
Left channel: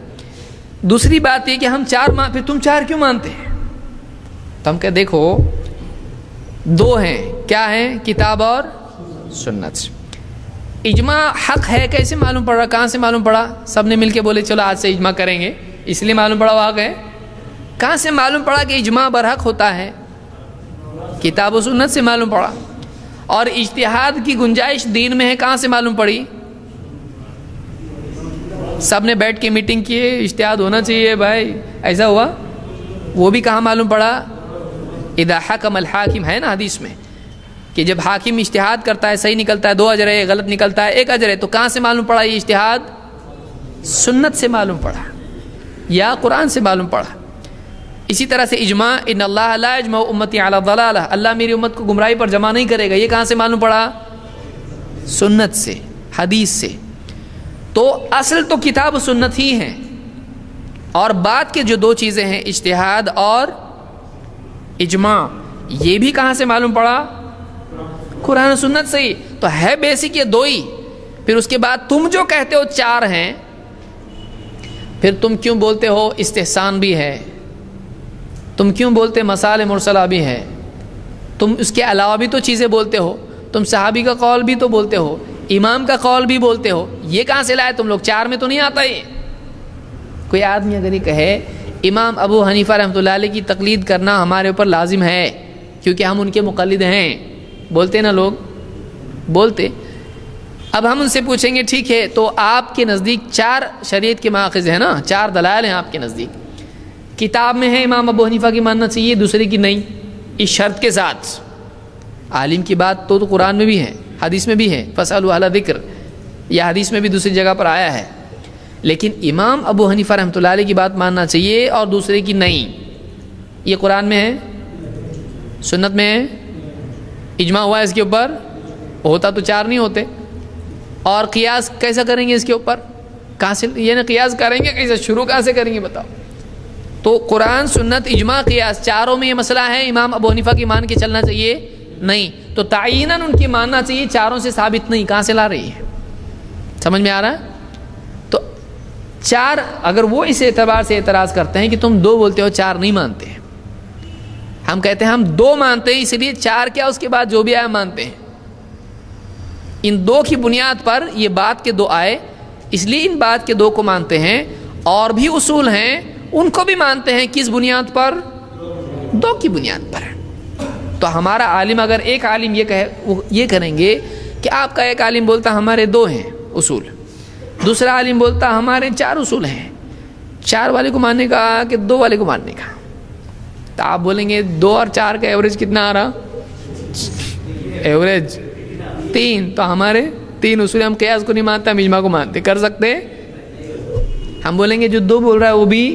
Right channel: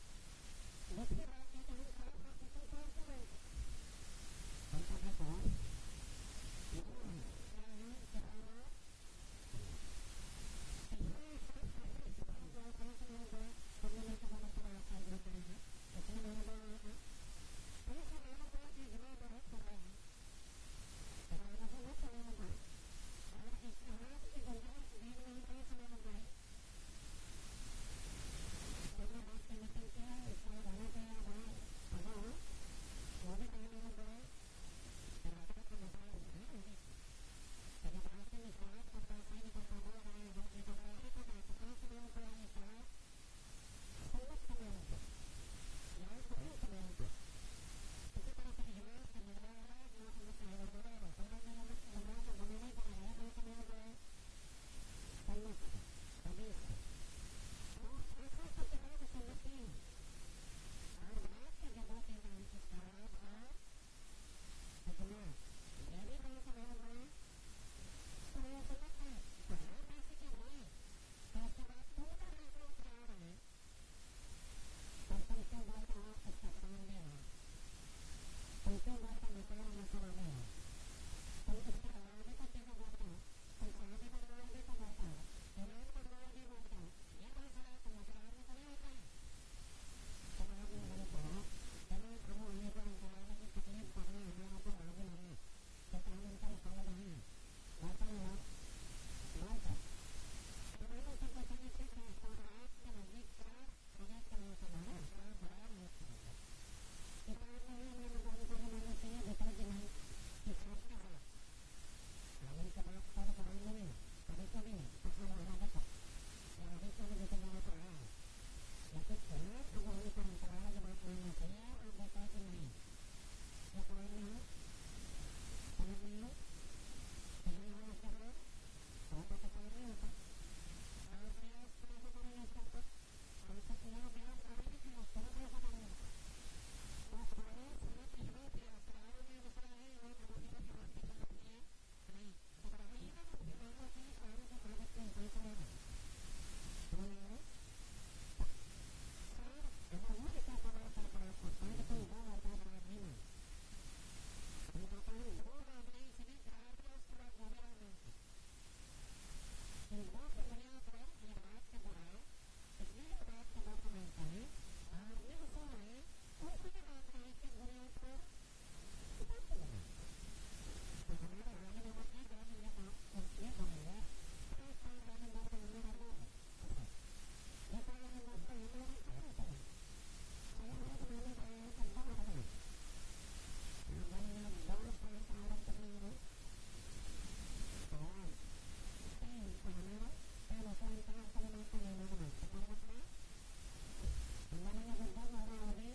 دوسری بات یہ کہ ہم چار پھر تم چار کیوں مانتے ہیں؟ تو ہم کہ دیکھو دو ہیں، کیا ہیں؟ کتاب اور سنت۔ اجماع حق ہے کیسے معلوم پڑا؟ کہاں سے معلوم پڑا؟ سب نے مل کے بولے چلو آج سے اجماع کریں گے، اس لیے معلوم پڑا وہ حق ہے؟ کہاں سے معلوم پڑا کہ اجماع برحق ہوتا ہے؟ کتاب و سنت سے معلوم پڑا۔ اور اجتہاد کی گنجائش دین میں ہے، کہاں سے معلوم پڑی؟ سب نے بیٹھ کے میٹنگ کی ہے، اجتہاد ہونا چاہیے بھائی، ایسا ہوا؟ وہ بھی کہاں معلوم پڑا؟ اذا حکم الحاکم ہے نا حدیث میں کہ جب حاکم اجتہاد کرتا ہے صحیح نکلتا ہے 2 اجر ہے، غلط نکلتا ہے 1 اجر ہے، تو کہاں سے معلوم پڑا یہ اجتہاد؟ سنت سے معلوم پڑا یا قرآن سے معلوم پڑا۔ اسی طرح سے اجماع، ان اللہ لا یجمع امتی علی ضلالہ، اللہ میری امت کو گمراہی پر جمع نہیں کرے گا، یہ کہاں سے معلوم پڑا؟ سنت سے، حدیث سے۔ تو اصل تو کتاب و سنت ہی ہیں، اور بعد کے جو 2 چیزیں ہیں اجتہاد اور اجماع، یہ بھی کہاں سے معلوم پڑا؟ قرآن و سنت سے ہی۔ تو ہے بیسک یہ 2 ہی، پھر اس کے بعد تم جو کہتے ہو 4 ہیں، پھر تم کیوں بولتے ہو استحسان بھی ہے، تم کیوں بولتے مسائل مرسلہ بھی ہے، تم اس کے علاوہ بھی تو چیزیں بولتے ہو، تم صحابی کا قول بھی تو بولتے ہو، امام کا قول بھی بولتے ہو، یہ کہاں سے لائے تم لوگ؟ 4 میں تو نہیں آتا یہ۔ کوئی آدمی اگر یہ کہے امام ابو حنیفہ رحمۃ اللہ علیہ کی تقلید کرنا ہمارے اوپر لازم ہے کیونکہ ہم ان کے مقلد ہیں، بولتے نا لوگ، بولتے۔ اب ہم ان سے پوچھیں گے ٹھیک ہے تو آپ کے نزدیک 4 شریعت کے ماخذ ہیں نا، 4 دلائل ہیں آپ کے نزدیک، کتاب میں ہے امام ابو حنیفہ کی ماننا چاہیے، دوسرے کی نہیں، اس شرط کے ساتھ عالم کی بات تو قرآن میں بھی ہے، حدیث میں بھی ہے، فاسألوا اہل ذکر، یا حدیث میں بھی دوسری جگہ پر آیا ہے، لیکن امام ابو حنیفہ رحمۃ اللہ علیہ کی بات ماننا چاہیے اور دوسرے کی نہیں، یہ قرآن میں ہے، سنت میں ہے، اجماع ہوا ہے اس کے اوپر، ہوتا تو 4 نہیں ہوتے۔ اور قیاس کیسا کریں گے اس کے اوپر؟ کہاں سے یہ نا قیاس کریں گے، کیسے شروع کہاں سے کریں گے بتاؤ؟ تو قرآن، سنت، اجماع، قیاس، چاروں میں یہ مسئلہ ہے، امام ابو حنیفہ کی مان کے چلنا چاہیے نہیں، تو تعیناً ان کی ماننا چاہیے، چاروں سے ثابت نہیں، کہاں سے لا رہی ہے؟ سمجھ میں آ رہا ہے؟ تو 4 اگر وہ اس اعتبار سے اعتراض کرتے ہیں کہ تم 2 بولتے ہو 4 نہیں مانتے، ہم کہتے ہیں ہم 2 مانتے ہیں، اس لیے 4 کیا اس کے بعد جو بھی آیا مانتے ہیں، ان 2 کی بنیاد پر یہ بات کے 2 آئے، اس لیے ان بات کے 2 کو مانتے ہیں، اور بھی اصول ہیں ان کو بھی مانتے ہیں، کس بنیاد پر؟ 2 کی بنیاد پر۔ تو ہمارا عالم اگر ایک عالم یہ کہے، وہ یہ کریں گے کہ آپ کا ایک عالم بولتا ہمارے 2 ہیں اصول، دوسرا عالم بولتا ہمارے 4 اصول ہیں، 4 والے کو ماننے کا کہ 2 والے کو ماننے کا، تو آپ بولیں گے 2 اور 4 کا ایوریج کتنا آ رہا؟ ایوریج 3، تو ہمارے 3 اصول، ہم قیاس کو نہیں مانتے، ہم اجماع کو مانتے، کر سکتے؟ ہم بولیں گے جو 2 بول رہا ہے وہ بھی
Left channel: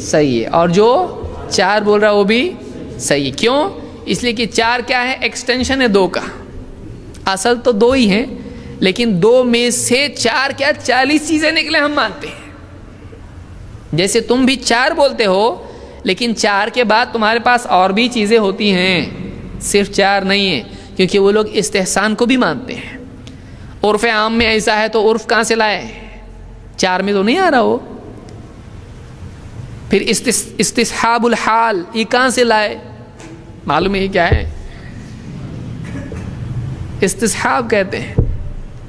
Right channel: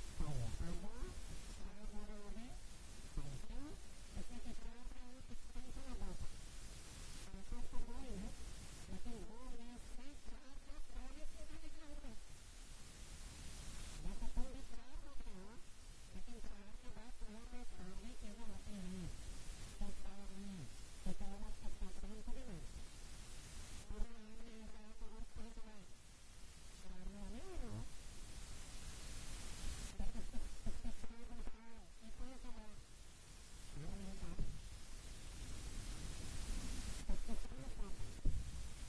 صحیح ہے، اور جو 4 بول رہا ہے وہ بھی صحیح ہے۔ کیوں؟ اس لیے کہ 4 کیا ہے؟ ایکسٹینشن ہے 2 کا، اصل تو 2 ہی ہیں، لیکن 2 میں سے 4 کیا 40 چیزیں نکلے ہم مانتے ہیں۔ جیسے تم بھی 4 بولتے ہو، لیکن 4 کے بعد تمہارے پاس اور بھی چیزیں ہوتی ہیں، صرف 4 نہیں ہیں، کیونکہ وہ لوگ استحسان کو بھی مانتے ہیں۔ عرف عام میں ایسا ہے تو عرف کہاں سے لائے؟ 4 میں تو نہیں آ رہا ہو۔ پھر استصحاب الحال، یہ کہاں سے لائے؟ معلوم ہے یہ کیا ہے؟ استصحاب کہتے ہیں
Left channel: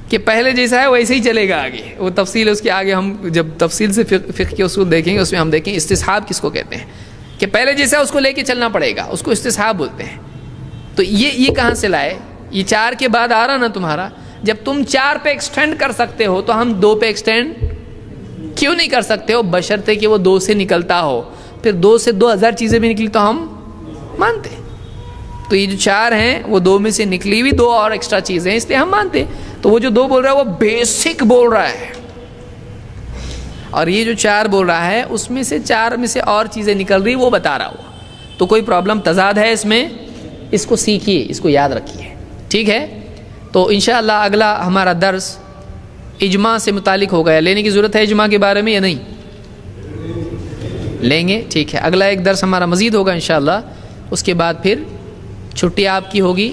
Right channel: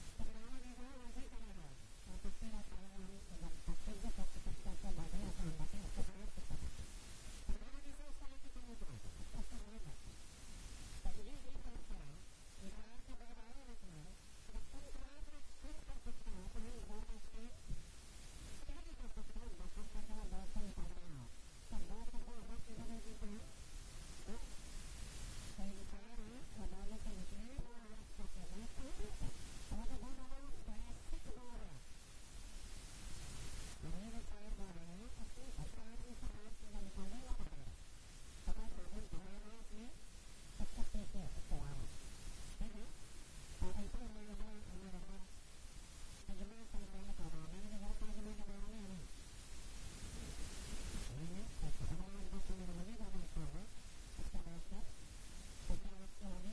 کہ پہلے جیسا ہے ویسے ہی چلے گا آگے، وہ تفصیل اس کے آگے ہم جب تفصیل سے فقہ کے اصول دیکھیں گے اس میں ہم دیکھیں استصحاب کس کو کہتے ہیں، کہ پہلے جیسا اس کو لے کے چلنا پڑے گا، اس کو استصحاب بولتے ہیں۔ تو یہ کہاں سے لائے؟ یہ 4 کے بعد آ رہا نا تمہارا، جب تم 4 پہ ایکسٹینڈ کر سکتے ہو تو ہم 2 پہ ایکسٹینڈ کیوں نہیں کر سکتے ہو؟ بشرطے کہ وہ 2 سے نکلتا ہو، پھر 2 سے 2000 چیزیں بھی نکلی تو ہم مانتے ہیں۔ تو یہ جو 4 ہیں وہ 2 میں سے نکلی ہوئی 2 اور ایکسٹرا چیزیں ہیں، اس لیے ہم مانتے ہیں۔ تو وہ جو 2 بول رہا ہے وہ بیسک بول رہا ہے، اور یہ جو 4 بول رہا ہے اس میں سے 4 میں سے اور چیزیں نکل رہی وہ بتا رہا ہوا۔ تو کوئی پرابلم تضاد ہے اس میں، اس کو سیکھیے، اس کو یاد رکھیے، ٹھیک ہے؟ تو انشاءاللہ اگلا ہمارا درس اجماع سے متعلق ہوگا۔ لینے کی ضرورت ہے اجماع کے بارے میں یا نہیں؟ لیں گے، ٹھیک ہے۔ اگلا ایک درس ہمارا مزید ہوگا انشاءاللہ، اس کے بعد پھر چھٹی آپ کی ہوگی۔